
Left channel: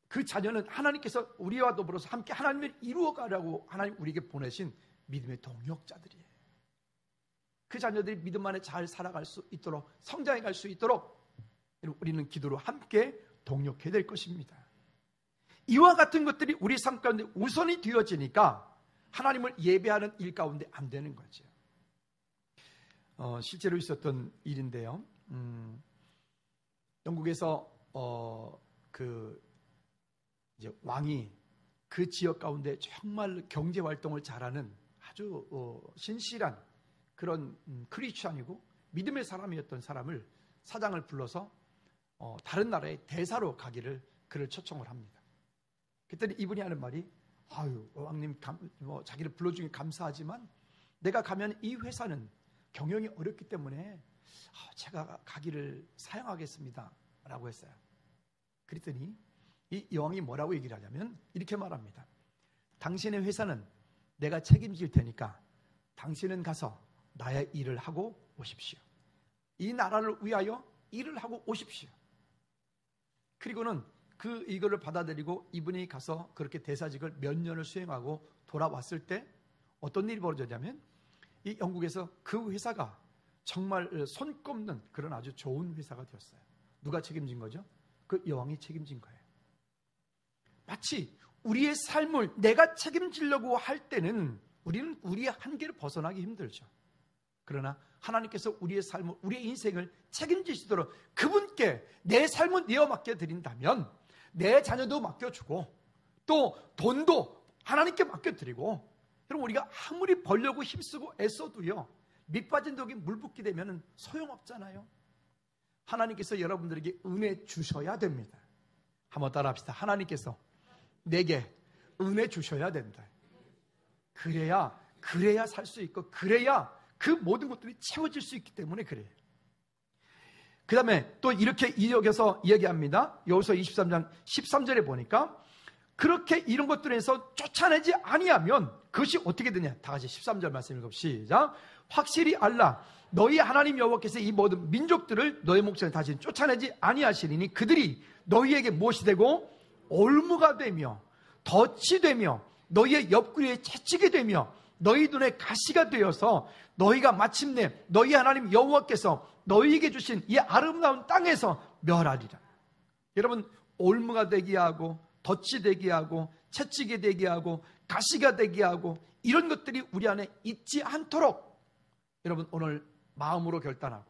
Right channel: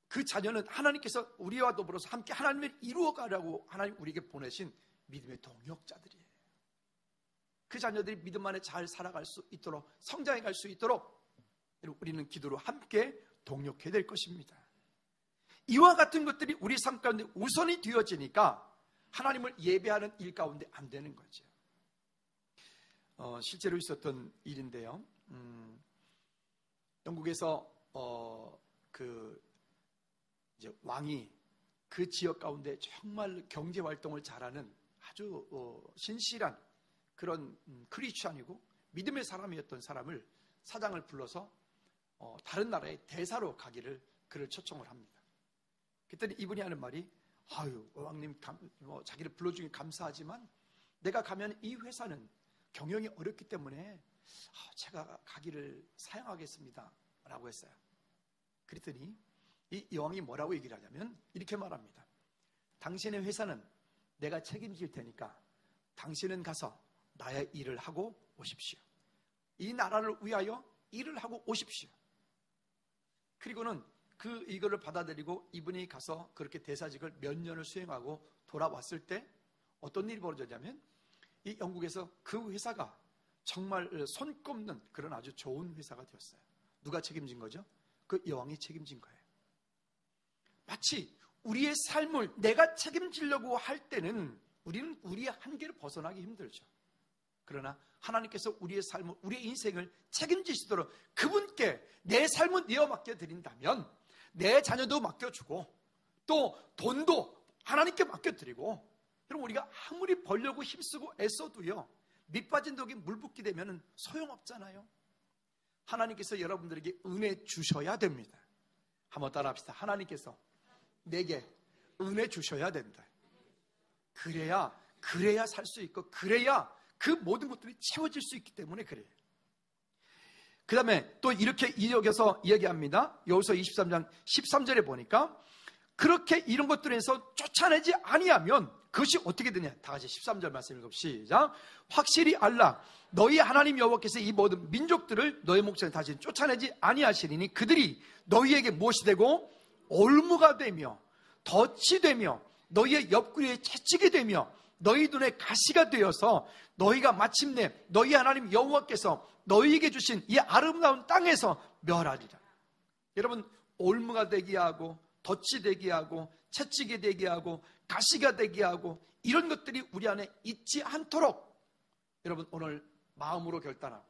그 자녀는 하나님께서 우리와 더불어서 함께 하나님을 이루어가려고 하나님 우리에게 보내신 믿음의 동역자들이에요. 그 자녀들이 믿음 안에 잘 살아갈 수 있도록, 성장해 갈 수 있도록 우리는 기도로 함께 동역해야 될 것입니다. 이와 같은 것들이 우리 삶 가운데 우선이 되어지니까 하나님을 예배하는 일 가운데 안 되는 거죠. 실제로 있었던 일인데요. 영국에서 이제 왕이 그 지역 가운데 정말 경제 활동을 잘하는 아주 신실한 그런 크리스찬이고 믿음의 사람이었던 사람을, 사장을 불러서 다른 나라의 대사로 가기를 그를 초청을 합니다. 그랬더니 이분이 하는 말이, 아유, 왕님 자기를 불러주니 감사하지만 내가 가면 이 회사는 경영이 어렵기 때문에 제가 가기를 사양하겠습니다 라고 했어요. 그랬더니 이 왕이 뭐라고 얘기를 하냐면 이렇게 말합니다. 당신의 회사는 내가 책임질 테니까 당신은 가서 나의 일을 하고 오십시오. 이 나라를 위하여 일을 하고 오십시오. 그리고는 이거를 받아들이고 이분이 가서 그렇게 대사직을 몇 년을 수행하고 돌아왔을 때 어떤 일이 벌어졌냐면, 이 영국에서 그 회사가 정말 손꼽는 그런 아주 좋은 회사가 되었어요. 누가 책임진 거죠? 그 여왕이 책임진 거예요. 마치 우리의 삶을 내가 책임지려고 할 때는 우리는 우리의 한계를 벗어나기 힘들죠. 그러나 하나님께서 우리의 삶을, 우리의 인생을 책임지시도록 그분께 내 삶을 내어 맡겨드린다면 내 자녀도 맡겨주고 또 돈도 하나님께 맡겨드리고, 여러분 우리가 아무리 벌려고 힘쓰고 애써도요, 밑빠진 독에 물 붓게 되면 소용없잖아요. 하나님께서 여러분들에게 은혜 주셔야 됩니다. 한번 따라합시다. 하나님께서 내게 은혜 주셔야 된다. 그래야 살 수 있고, 그래야 그 모든 것들이 채워질 수 있기 때문에 그래요. 그 다음에 또 이렇게 이어서 얘기합니다. 여호수아 23장 13절에 보니까 그렇게 이런 것들에서 쫓아내지 아니하면 그것이 어떻게 되냐. 다 같이 13절 말씀 읽읍시다. 확실히 알라. 너희 하나님 여호와께서 이 모든 민족들을 너희 목전에 다시 쫓아내지 아니하시리니 그들이 너희에게 무엇이 되고 올무가 되며 덫이 되며 너희의 옆구리에 채찍이 되며 너희 눈에 가시가 되어서 너희가 마침내 너희 하나님 여호와께서 너희에게 주신 이 아름다운 땅에서 멸하리라. 여러분, 올무가 되게 하고 덫이 되게 하고 채찍이 되게 하고 가시가 되게 하고 이런 것들이 우리 안에 있지 않도록 여러분 오늘 마음으로 결단하고,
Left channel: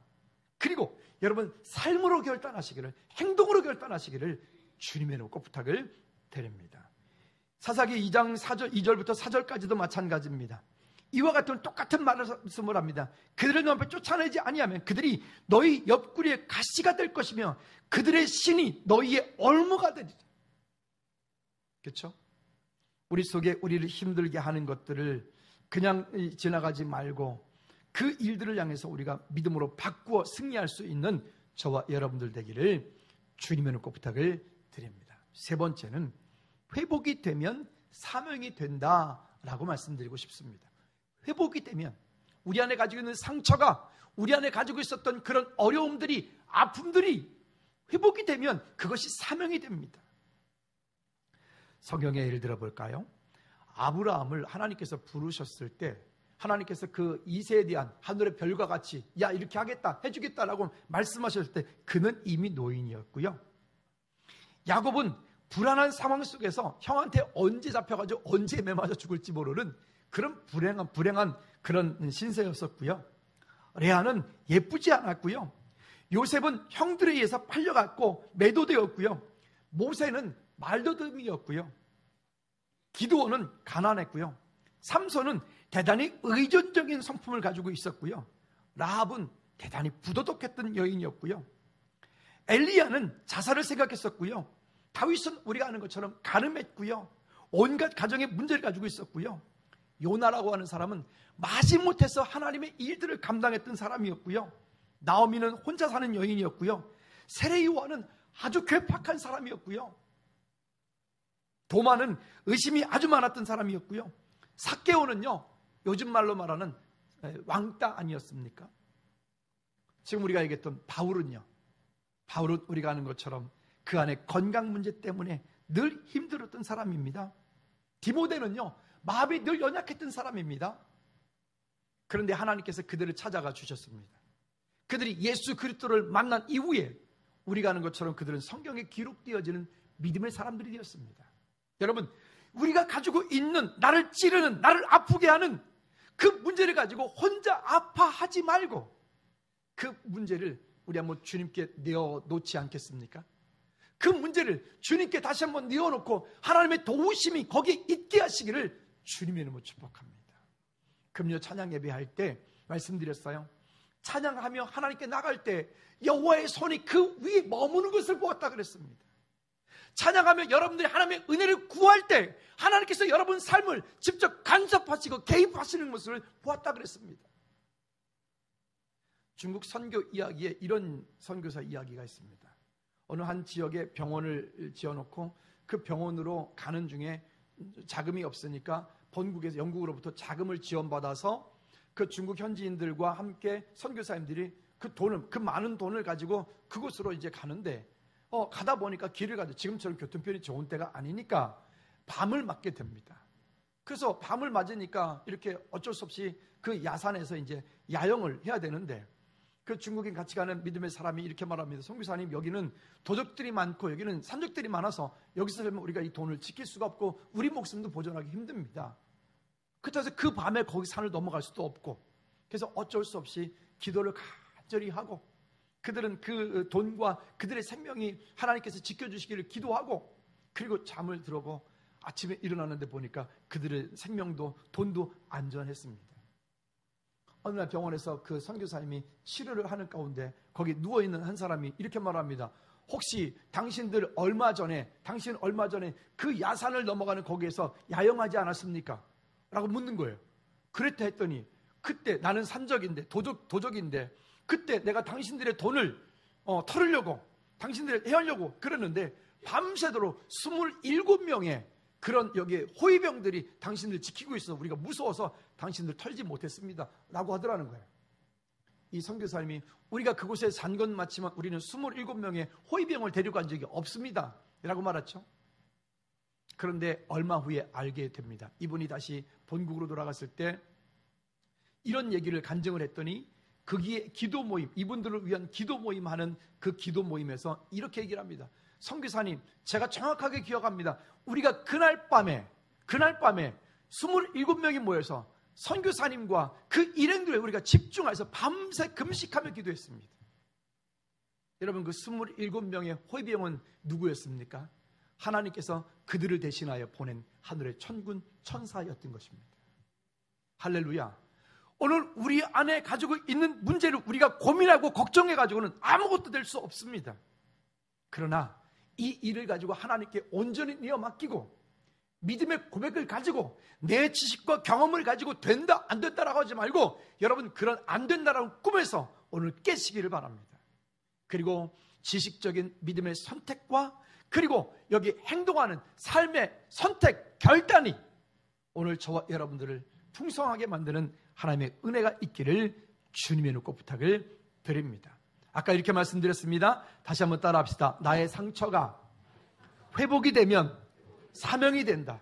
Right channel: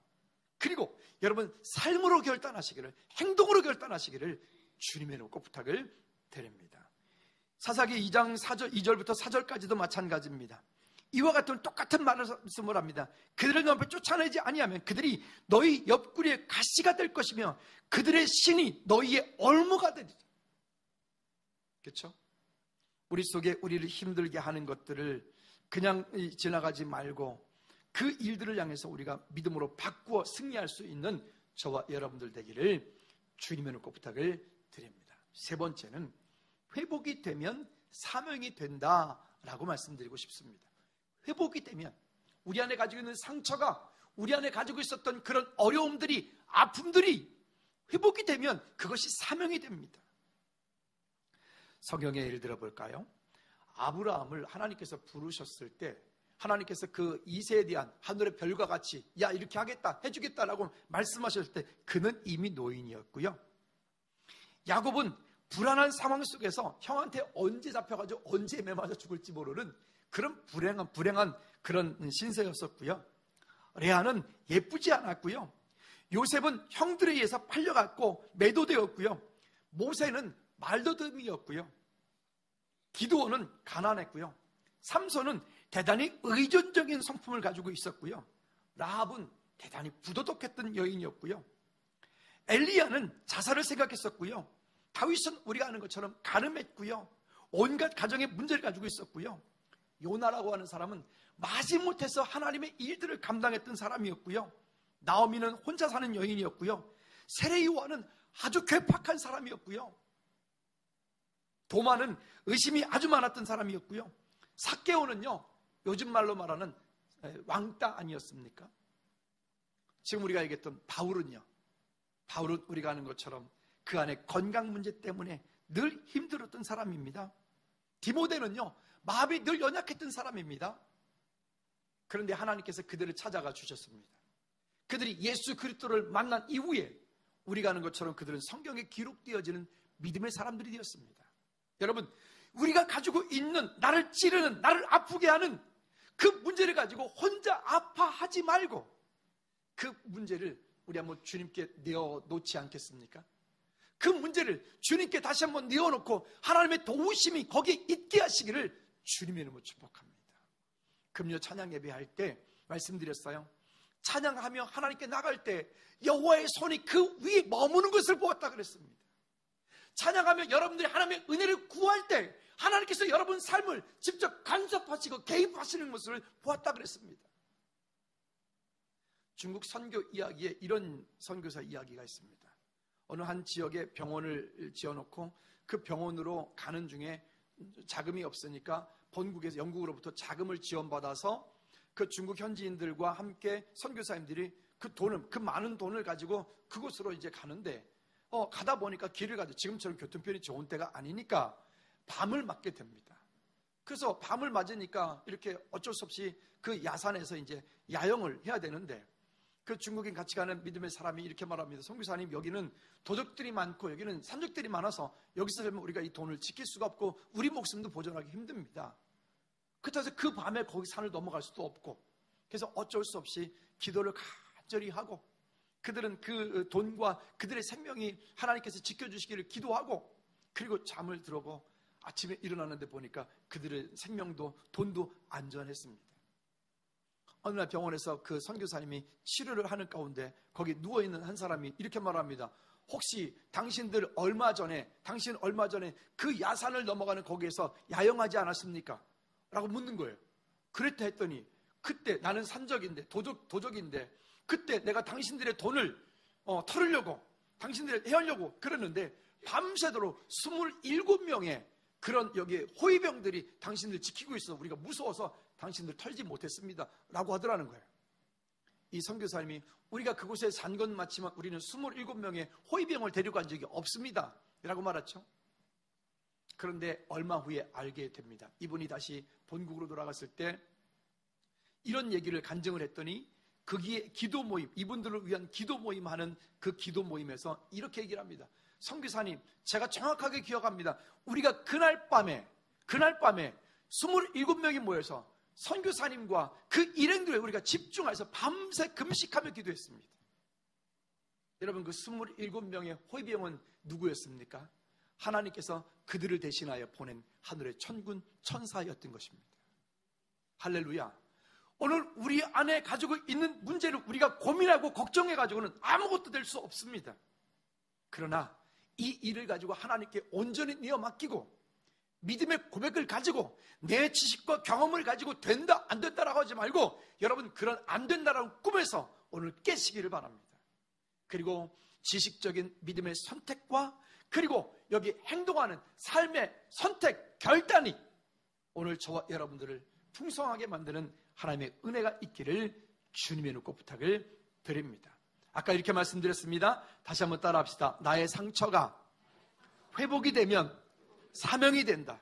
그리고 여러분 삶으로 결단하시기를, 행동으로 결단하시기를 주님의 놓고 부탁을 드립니다. 사사기 2장 2절부터 4절까지도 마찬가지입니다. 이와 같은 똑같은 말씀을 합니다. 그들을 너 앞에 쫓아내지 아니하면 그들이 너희 옆구리에 가시가 될 것이며 그들의 신이 너희의 올무가 되리라. 그렇죠? 우리 속에 우리를 힘들게 하는 것들을 그냥 지나가지 말고 그 일들을 향해서 우리가 믿음으로 바꾸어 승리할 수 있는 저와 여러분들 되기를 주님의 놓고 부탁을 드립니다. 세 번째는 회복이 되면 사명이 된다라고 말씀드리고 싶습니다. 회복이 되면 우리 안에 가지고 있는 상처가, 우리 안에 가지고 있었던 그런 어려움들이, 아픔들이 회복이 되면 그것이 사명이 됩니다. 성경의 예를 들어볼까요? 아브라함을 하나님께서 부르셨을 때 하나님께서 그 이세에 대한 하늘의 별과 같이 야 이렇게 하겠다 해주겠다라고 말씀하셨을 때 그는 이미 노인이었고요. 야곱은 불안한 상황 속에서 형한테 언제 잡혀가지고 언제 매맞아 죽을지 모르는 그런 불행한 그런 신세였었고요. 레아는 예쁘지 않았고요. 요셉은 형들에 의해서 팔려갔고 매도되었고요. 모세는 말더듬이었고요. 기드온은 가난했고요. 삼손은 대단히 의존적인 성품을 가지고 있었고요. 라합은 대단히 부도덕했던 여인이었고요. 엘리야는 자살을 생각했었고요. 다윗은 우리가 아는 것처럼 가늠했고요. 온갖 가정의 문제를 가지고 있었고요. 요나라고 하는 사람은 마지못해서 하나님의 일들을 감당했던 사람이었고요. 나오미는 혼자 사는 여인이었고요. 세례요한은 아주 괴팍한 사람이었고요. 도마는 의심이 아주 많았던 사람이었고요. 삭개오는요, 요즘 말로 말하는 왕따 아니었습니까? 지금 우리가 얘기했던 바울은 우리가 아는 것처럼 그 안에 건강 문제 때문에 늘 힘들었던 사람입니다. 디모데는요, 마음이 늘 연약했던 사람입니다. 그런데 하나님께서 그들을 찾아가 주셨습니다. 그들이 예수 그리스도를 만난 이후에 우리가 아는 것처럼 그들은 성경에 기록되어지는 믿음의 사람들이 되었습니다. 여러분, 우리가 가지고 있는 나를 찌르는, 나를 아프게 하는 그 문제를 가지고 혼자 아파하지 말고 그 문제를 우리 한번 주님께 내어놓지 않겠습니까? 그 문제를 주님께 다시 한번 내어놓고 하나님의 도우심이 거기에 있게 하시기를 주님의 이름으로 축복합니다. 금요 찬양 예배할 때 말씀드렸어요. 찬양하며 하나님께 나갈 때 여호와의 손이 그 위에 머무는 것을 보았다 그랬습니다. 찬양하며 여러분들이 하나님의 은혜를 구할 때 하나님께서 여러분 삶을 직접 간섭하시고 개입하시는 모습을 보았다 그랬습니다. 중국 선교 이야기에 이런 선교사 이야기가 있습니다. 어느 한 지역에 병원을 지어놓고 그 병원으로 가는 중에 자금이 없으니까 본국에서 영국으로부터 자금을 지원받아서 그 중국 현지인들과 함께 선교사님들이 그 많은 돈을 가지고 그곳으로 이제 가는데 가다 보니까 길을 가도 지금처럼 교통편이 좋은 때가 아니니까 밤을 맞게 됩니다. 그래서 밤을 맞으니까 이렇게 어쩔 수 없이 그 야산에서 이제 야영을 해야 되는데 그 중국인 같이 가는 믿음의 사람이 이렇게 말합니다. 선교사님, 여기는 도적들이 많고 여기는 산적들이 많아서 여기서 살면 우리가 이 돈을 지킬 수가 없고 우리 목숨도 보존하기 힘듭니다. 그래서 그 밤에 거기 산을 넘어갈 수도 없고 그래서 어쩔 수 없이 기도를 간절히 하고 그들은 그 돈과 그들의 생명이 하나님께서 지켜주시기를 기도하고 그리고 잠을 들어고 아침에 일어났는데 보니까 그들의 생명도 돈도 안전했습니다. 어느 날 병원에서 그 선교사님이 치료를 하는 가운데 거기 누워있는 한 사람이 이렇게 말합니다. 혹시 당신 얼마 전에 그 야산을 넘어가는 거기에서 야영하지 않았습니까? 라고 묻는 거예요. 그랬다 했더니 그때 나는 산적인데 도적인데 그때 내가 당신들의 돈을 털으려고 당신들을 해하려고 그랬는데 밤새도록 27명의 그런 여기에 호위병들이 당신들 지키고 있어서 우리가 무서워서 당신들 털지 못했습니다 라고 하더라는 거예요. 이 선교사님이 우리가 그곳에 산 건 맞지만 우리는 27명의 호위병을 데려간 적이 없습니다 라고 말했죠. 그런데 얼마 후에 알게 됩니다. 이분이 다시 본국으로 돌아갔을 때 이런 얘기를 간증을 했더니 거기에 기도 모임, 이분들을 위한 기도 모임 하는 그 기도 모임에서 이렇게 얘기를 합니다. 선교사님, 제가 정확하게 기억합니다. 우리가 그날 밤에 27명이 모여서 선교사님과 그 일행들에 우리가 집중해서 밤새 금식하며 기도했습니다. 여러분, 그 27명의 호위병은 누구였습니까? 하나님께서 그들을 대신하여 보낸 하늘의 천군 천사였던 것입니다. 할렐루야. 오늘 우리 안에 가지고 있는 문제를 우리가 고민하고 걱정해가지고는 아무것도 될 수 없습니다. 그러나 이 일을 가지고 하나님께 온전히 내어 맡기고 믿음의 고백을 가지고 내 지식과 경험을 가지고 된다 안 된다라고 하지 말고 여러분 그런 안 된다라는 꿈에서 오늘 깨시기를 바랍니다. 그리고 지식적인 믿음의 선택과 그리고 여기 행동하는 삶의 선택, 결단이 오늘 저와 여러분들을 풍성하게 만드는 하나님의 은혜가 있기를 주님의 눈꼭 부탁을 드립니다. 아까 이렇게 말씀드렸습니다. 다시 한번 따라합시다. 나의 상처가 회복이 되면 사명이 된다.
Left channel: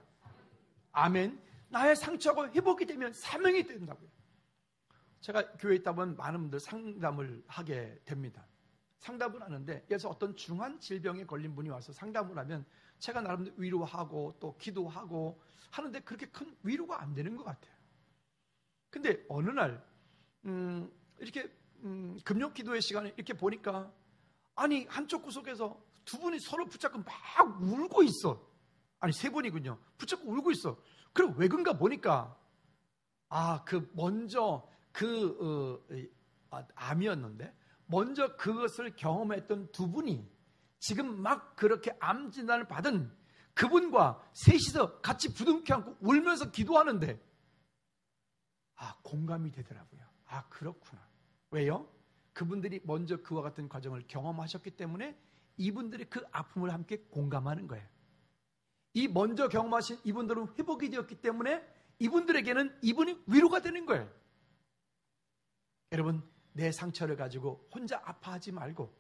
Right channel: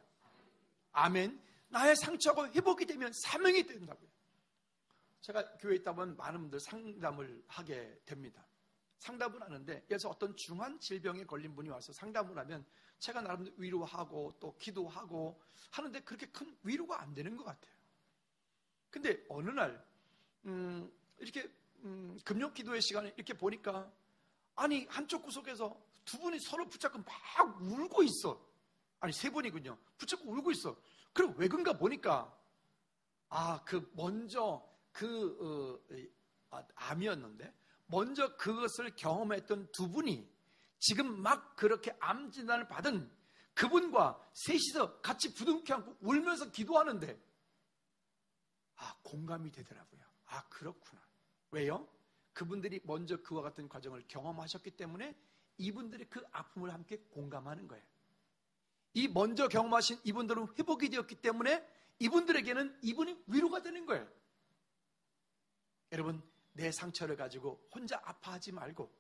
아멘. 나의 상처가 회복이 되면 사명이 된다고요. 제가 교회에 있다 보면 많은 분들 상담을 하게 됩니다. 상담을 하는데 그래서 어떤 중한 질병에 걸린 분이 와서 상담을 하면 제가 나름대로 위로하고 또 기도하고 하는데 그렇게 큰 위로가 안 되는 것 같아요. 근데 어느 날 이렇게 금요 기도의 시간에 이렇게 보니까 아니 한쪽 구석에서 두 분이 서로 붙잡고 막 울고 있어. 아니 세 분이군요. 붙잡고 울고 있어. 그럼 왜 그런가 보니까 먼저 암이었는데 먼저 그것을 경험했던 두 분이 지금 막 그렇게 암 진단을 받은 그분과 셋이서 같이 부둥켜 안고 울면서 기도하는데 공감이 되더라고요. 그렇구나. 왜요? 그분들이 먼저 그와 같은 과정을 경험하셨기 때문에 이분들이 그 아픔을 함께 공감하는 거예요. 이 먼저 경험하신 이분들은 회복이 되었기 때문에 이분들에게는 이분이 위로가 되는 거예요. 여러분, 내 상처를 가지고 혼자 아파하지 말고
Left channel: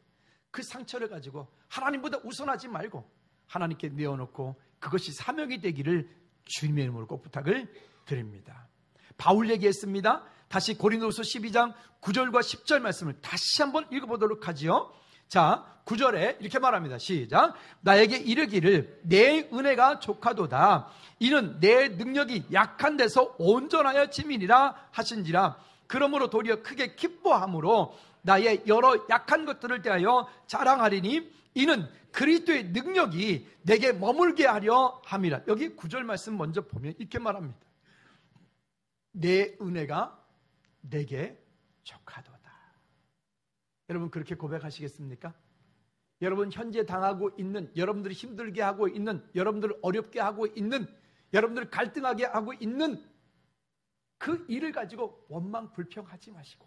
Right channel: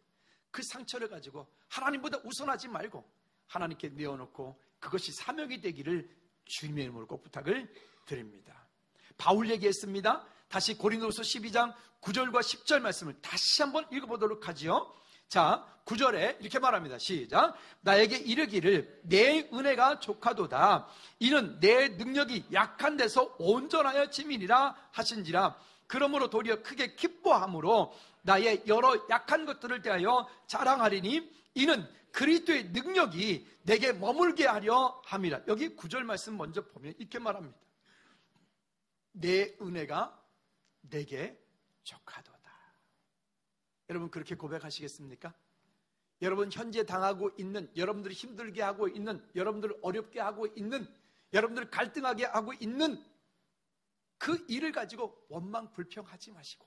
그 상처를 가지고 하나님보다 우선하지 말고 하나님께 내어놓고 그것이 사명이 되기를 주님의 이름으로 꼭 부탁을 드립니다. 바울 얘기했습니다. 다시 고린도후서 12장 9절과 10절 말씀을 다시 한번 읽어보도록 하지요. 자, 9절에 이렇게 말합니다. 시작. 나에게 이르기를 내 은혜가 족하도다. 이는 내 능력이 약한 데서 온전하여 짐이니라 하신지라. 그러므로 도리어 크게 기뻐함으로 나의 여러 약한 것들을 대하여 자랑하리니 이는 그리스도의 능력이 내게 머물게 하려 함이라. 여기 9절 말씀 먼저 보면 이렇게 말합니다. 내 은혜가 내게 족하도다. 여러분 그렇게 고백하시겠습니까? 여러분 현재 당하고 있는, 여러분들이 힘들게 하고 있는, 여러분들을 어렵게 하고 있는, 여러분들을 갈등하게 하고 있는 그 일을 가지고 원망 불평하지 마시고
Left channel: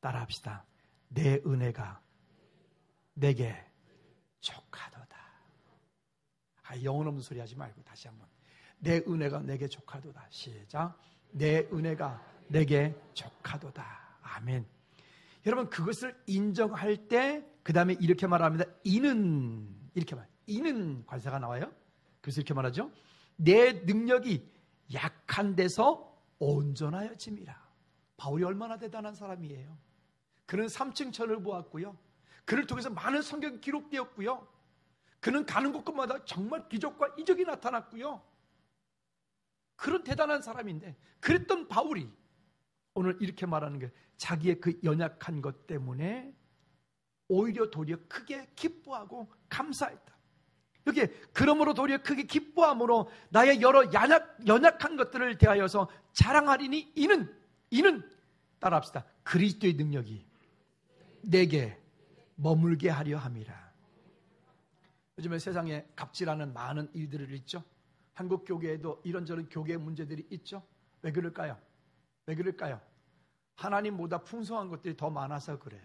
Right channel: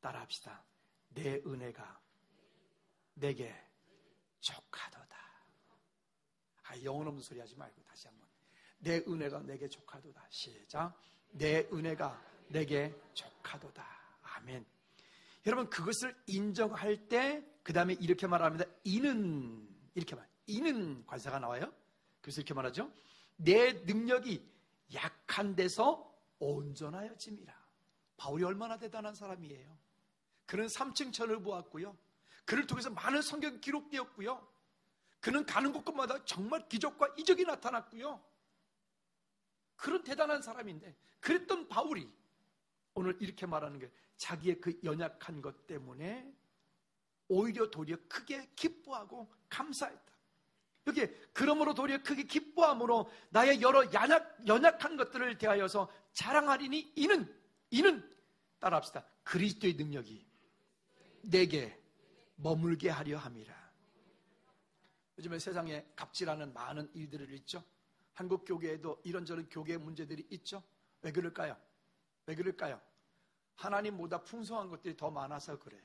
따라합시다. 내 은혜가 내게 족하도다. 영혼 없는 소리 하지 말고 다시 한번. 내 은혜가 내게 족하도다. 시작. 내 은혜가 내게 족하도다. 아멘. 여러분 그것을 인정할 때 그 다음에 이렇게 말합니다. 이는 이렇게 말. 이는 관사가 나와요. 그래서 이렇게 말하죠. 내 능력이 약한 데서 온전하여 짐이라. 바울이 얼마나 대단한 사람이에요. 그는 3층 천을 보았고요. 그를 통해서 많은 성경이 기록되었고요. 그는 가는 곳곳마다 정말 기적과 이적이 나타났고요. 그런 대단한 사람인데 그랬던 바울이 오늘 이렇게 말하는 게 자기의 그 연약한 것 때문에 오히려 도리어 크게 기뻐하고 감사했다. 여기에 그러므로 도리어 크게 기뻐함으로 나의 여러 연약한 것들을 대하여서 자랑하리니 이는 따라합시다. 그리스도의 능력이 내게 머물게 하려 함이라. 요즘에 세상에 갑질하는 많은 일들을 있죠. 한국 교계에도 이런저런 교계 문제들이 있죠. 왜 그럴까요? 하나님보다 풍성한 것들이 더 많아서 그래요.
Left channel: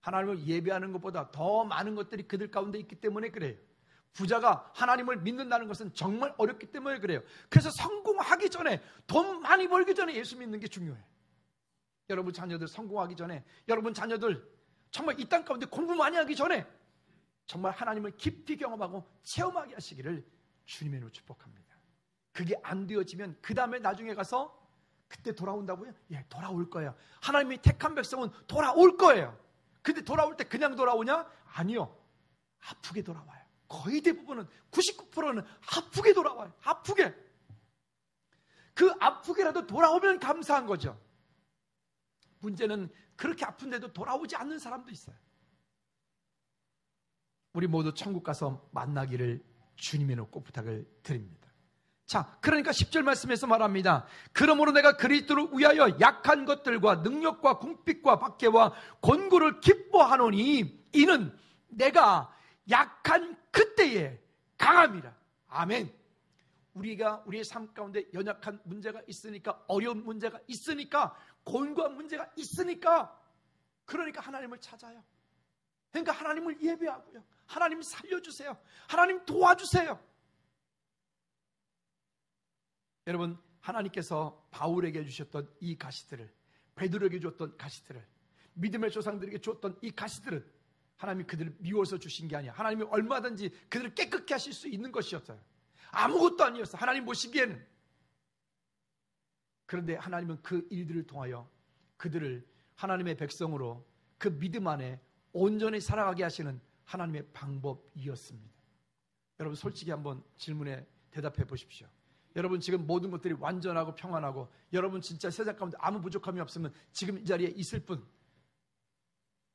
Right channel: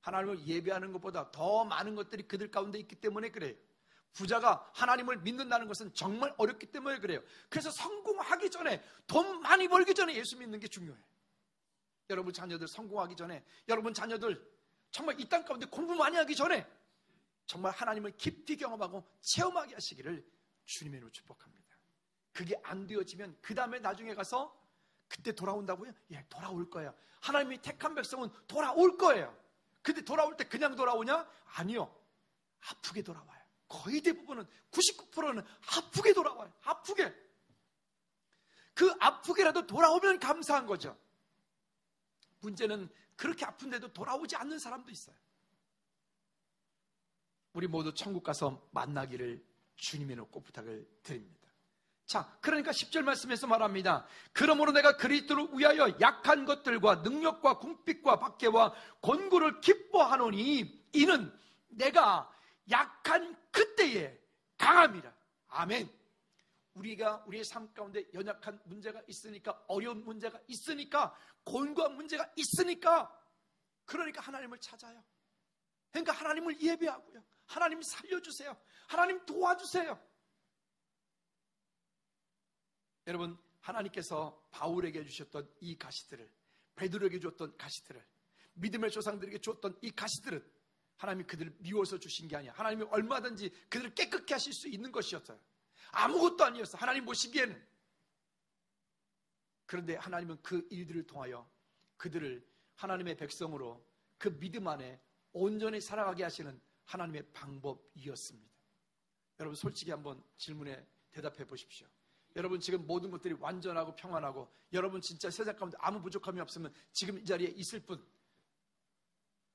하나님을 예배하는 것보다 더 많은 것들이 그들 가운데 있기 때문에 그래요. 부자가 하나님을 믿는다는 것은 정말 어렵기 때문에 그래요. 그래서 성공하기 전에, 돈 많이 벌기 전에 예수 믿는 게 중요해요. 여러분 자녀들 성공하기 전에, 여러분 자녀들 정말 이 땅 가운데 공부 많이 하기 전에 정말 하나님을 깊이 경험하고 체험하게 하시기를 주님의 이름으로 축복합니다. 그게 안 되어지면 그 다음에 나중에 가서 그때 돌아온다고요? 예, 돌아올 거예요. 하나님이 택한 백성은 돌아올 거예요. 근데 돌아올 때 그냥 돌아오냐? 아니요. 아프게 돌아와요. 거의 대부분은 99%는 아프게 돌아와요. 아프게. 그 아프게라도 돌아오면 감사한 거죠. 문제는 그렇게 아픈데도 돌아오지 않는 사람도 있어요. 우리 모두 천국 가서 만나기를 주님의 꼭 부탁을 드립니다. 자, 그러니까 10절 말씀에서 말합니다. 그러므로 내가 그리스도를 위하여 약한 것들과 능력과 궁핍과 박해와 권고를 기뻐하노니 이는 내가 약한 그때에 강함이라. 아멘. 우리가 우리의 삶 가운데 연약한 문제가 있으니까, 어려운 문제가 있으니까, 곤고한 문제가 있으니까, 그러니까 하나님을 찾아요. 그러니까 하나님을 예배하고요. 하나님 살려주세요. 하나님 도와주세요. 여러분, 하나님께서 바울에게 주셨던 이 가시들을, 베드로에게 주었던 가시들을, 믿음의 조상들에게 주었던 이 가시들은 하나님이 그들을 미워서 주신 게 아니야. 하나님이 얼마든지 그들을 깨끗게 하실 수 있는 것이었어요. 아무것도 아니었어, 하나님 보시기에는. 그런데 하나님은 그 일들을 통하여 그들을 하나님의 백성으로 그 믿음 안에 온전히 살아가게 하시는 하나님의 방법이었습니다. 여러분 솔직히 한번 질문에 대답해 보십시오. 여러분 지금 모든 것들이 완전하고 평안하고 여러분 진짜 세상 가운데 아무 부족함이 없으면 지금 이 자리에 있을 분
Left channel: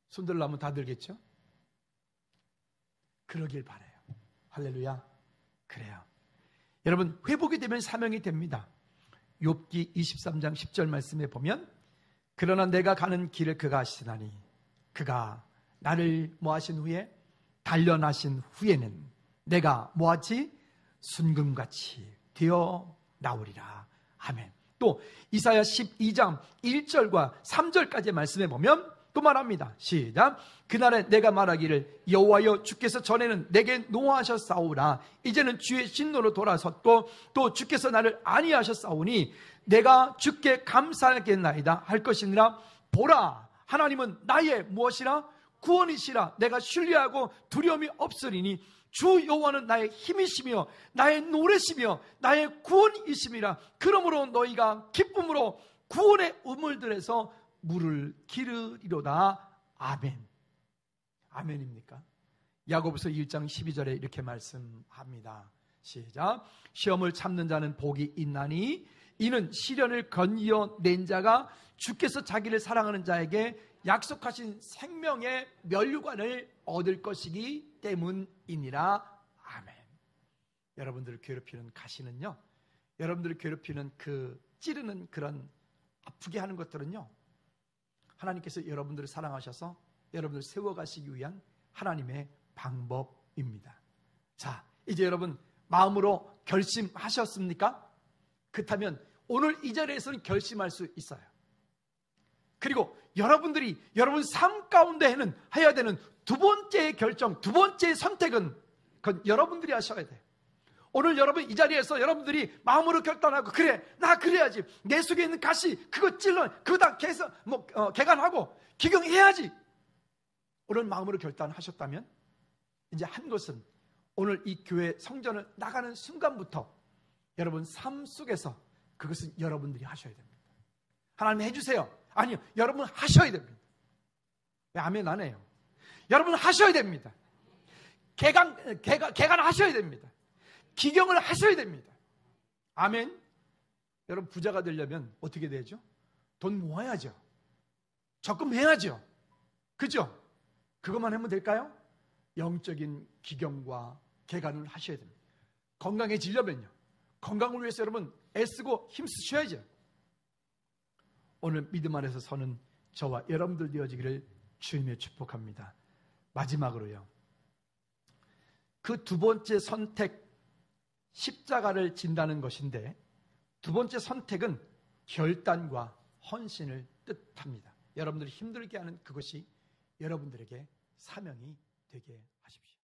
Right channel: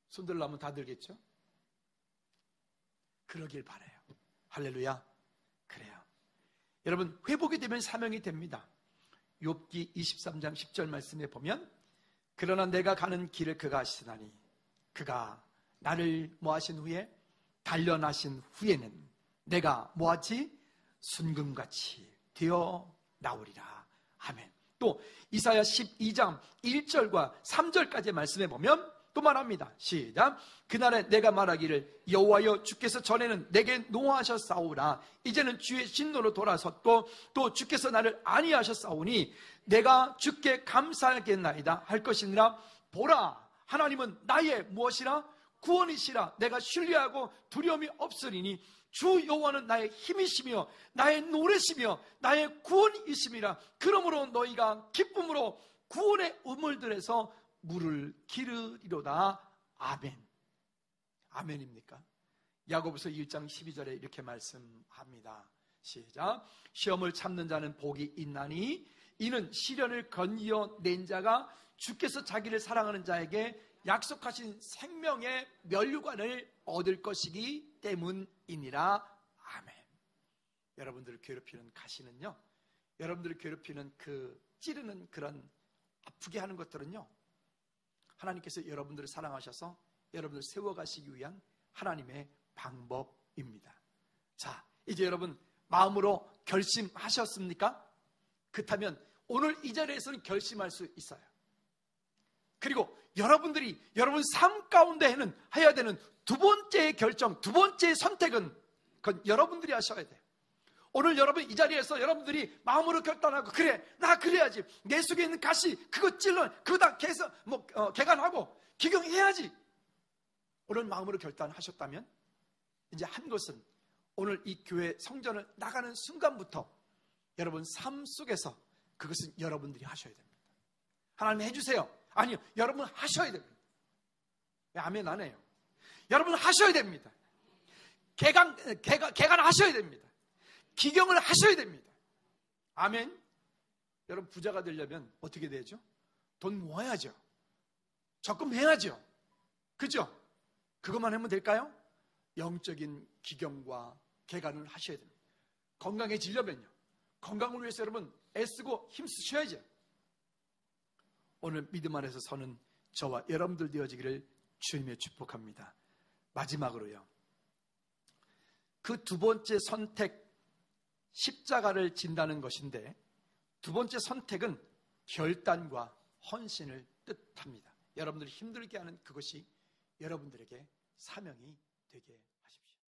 손들라면 다 들겠죠? 그러길 바라요. 할렐루야. 그래요. 여러분 회복이 되면 사명이 됩니다. 욥기 23장 10절 말씀에 보면 그러나 내가 가는 길을 그가 아시나니 그가 나를 모하신 후에 단련하신 후에는 내가 모았지 순금같이 되어 나오리라. 아멘. 또 이사야 12장 1절과 3절까지의 말씀에 보면 또 말합니다. 시작. 그날에 내가 말하기를 여호와여 주께서 전에는 내게 노하셨사오라. 이제는 주의 진노로 돌아섰고 또 주께서 나를 안위하셨사오니 내가 주께 감사하겠나이다 할 것이니라. 보라 하나님은 나의 무엇이라 구원이시라. 내가 신뢰하고 두려움이 없으리니 주 여호와는 나의 힘이시며 나의 노래시며 나의 구원이심이라. 그러므로 너희가 기쁨으로 구원의 우물들에서 물을 기르리로다. 아멘. 아멘입니까? 야고보서 1장 12절에 이렇게 말씀합니다. 시작. 시험을 참는 자는 복이 있나니 이는 시련을 건져낸 자가 주께서 자기를 사랑하는 자에게 약속하신 생명의 면류관을 얻을 것이기 때문이니라. 아멘. 여러분들을 괴롭히는 가시는요, 여러분들을 괴롭히는 그 찌르는 그런 아프게 하는 것들은요, 하나님께서 여러분들을 사랑하셔서 여러분들을 세워가시기 위한 하나님의 방법입니다. 자, 이제 여러분 마음으로 결심하셨습니까? 그렇다면 오늘 이 자리에서는 결심할 수 있어요. 그리고 여러분들이 여러분 삶 가운데 해야 되는 두 번째 결정, 두 번째 선택은 그건 여러분들이 하셔야 돼요. 오늘 여러분 이 자리에서 여러분들이 마음으로 결단하고 그래 나 그래야지 내 속에 있는 가시 그거 찔러 그거 다 개간하고 기경해야지 오늘 마음으로 결단하셨다면 이제 한 것은 오늘 이 교회 성전을 나가는 순간부터 여러분 삶 속에서 그것은 여러분들이 하셔야 됩니다. 하나님 해주세요. 아니요, 여러분 하셔야 됩니다. 왜 아멘 안 해요? 여러분 하셔야 됩니다. 개간하셔야 됩니다. 기경을 하셔야 됩니다. 아멘. 여러분 부자가 되려면 어떻게 되죠? 돈 모아야죠. 적금해야죠. 그죠? 그것만 하면 될까요? 영적인 기경과 개간을 하셔야 됩니다. 건강해지려면요, 건강을 위해서 여러분 애쓰고 힘쓰셔야죠. 오늘 믿음 안에서 서는 저와 여러분들 되어지기를 주님의 축복합니다. 마지막으로요, 그 두 번째 선택, 십자가를 진다는 것인데 두 번째 선택은 결단과 헌신을 뜻합니다. 여러분들이 힘들게 하는 그것이 여러분들에게 사명이 되게 하십시오.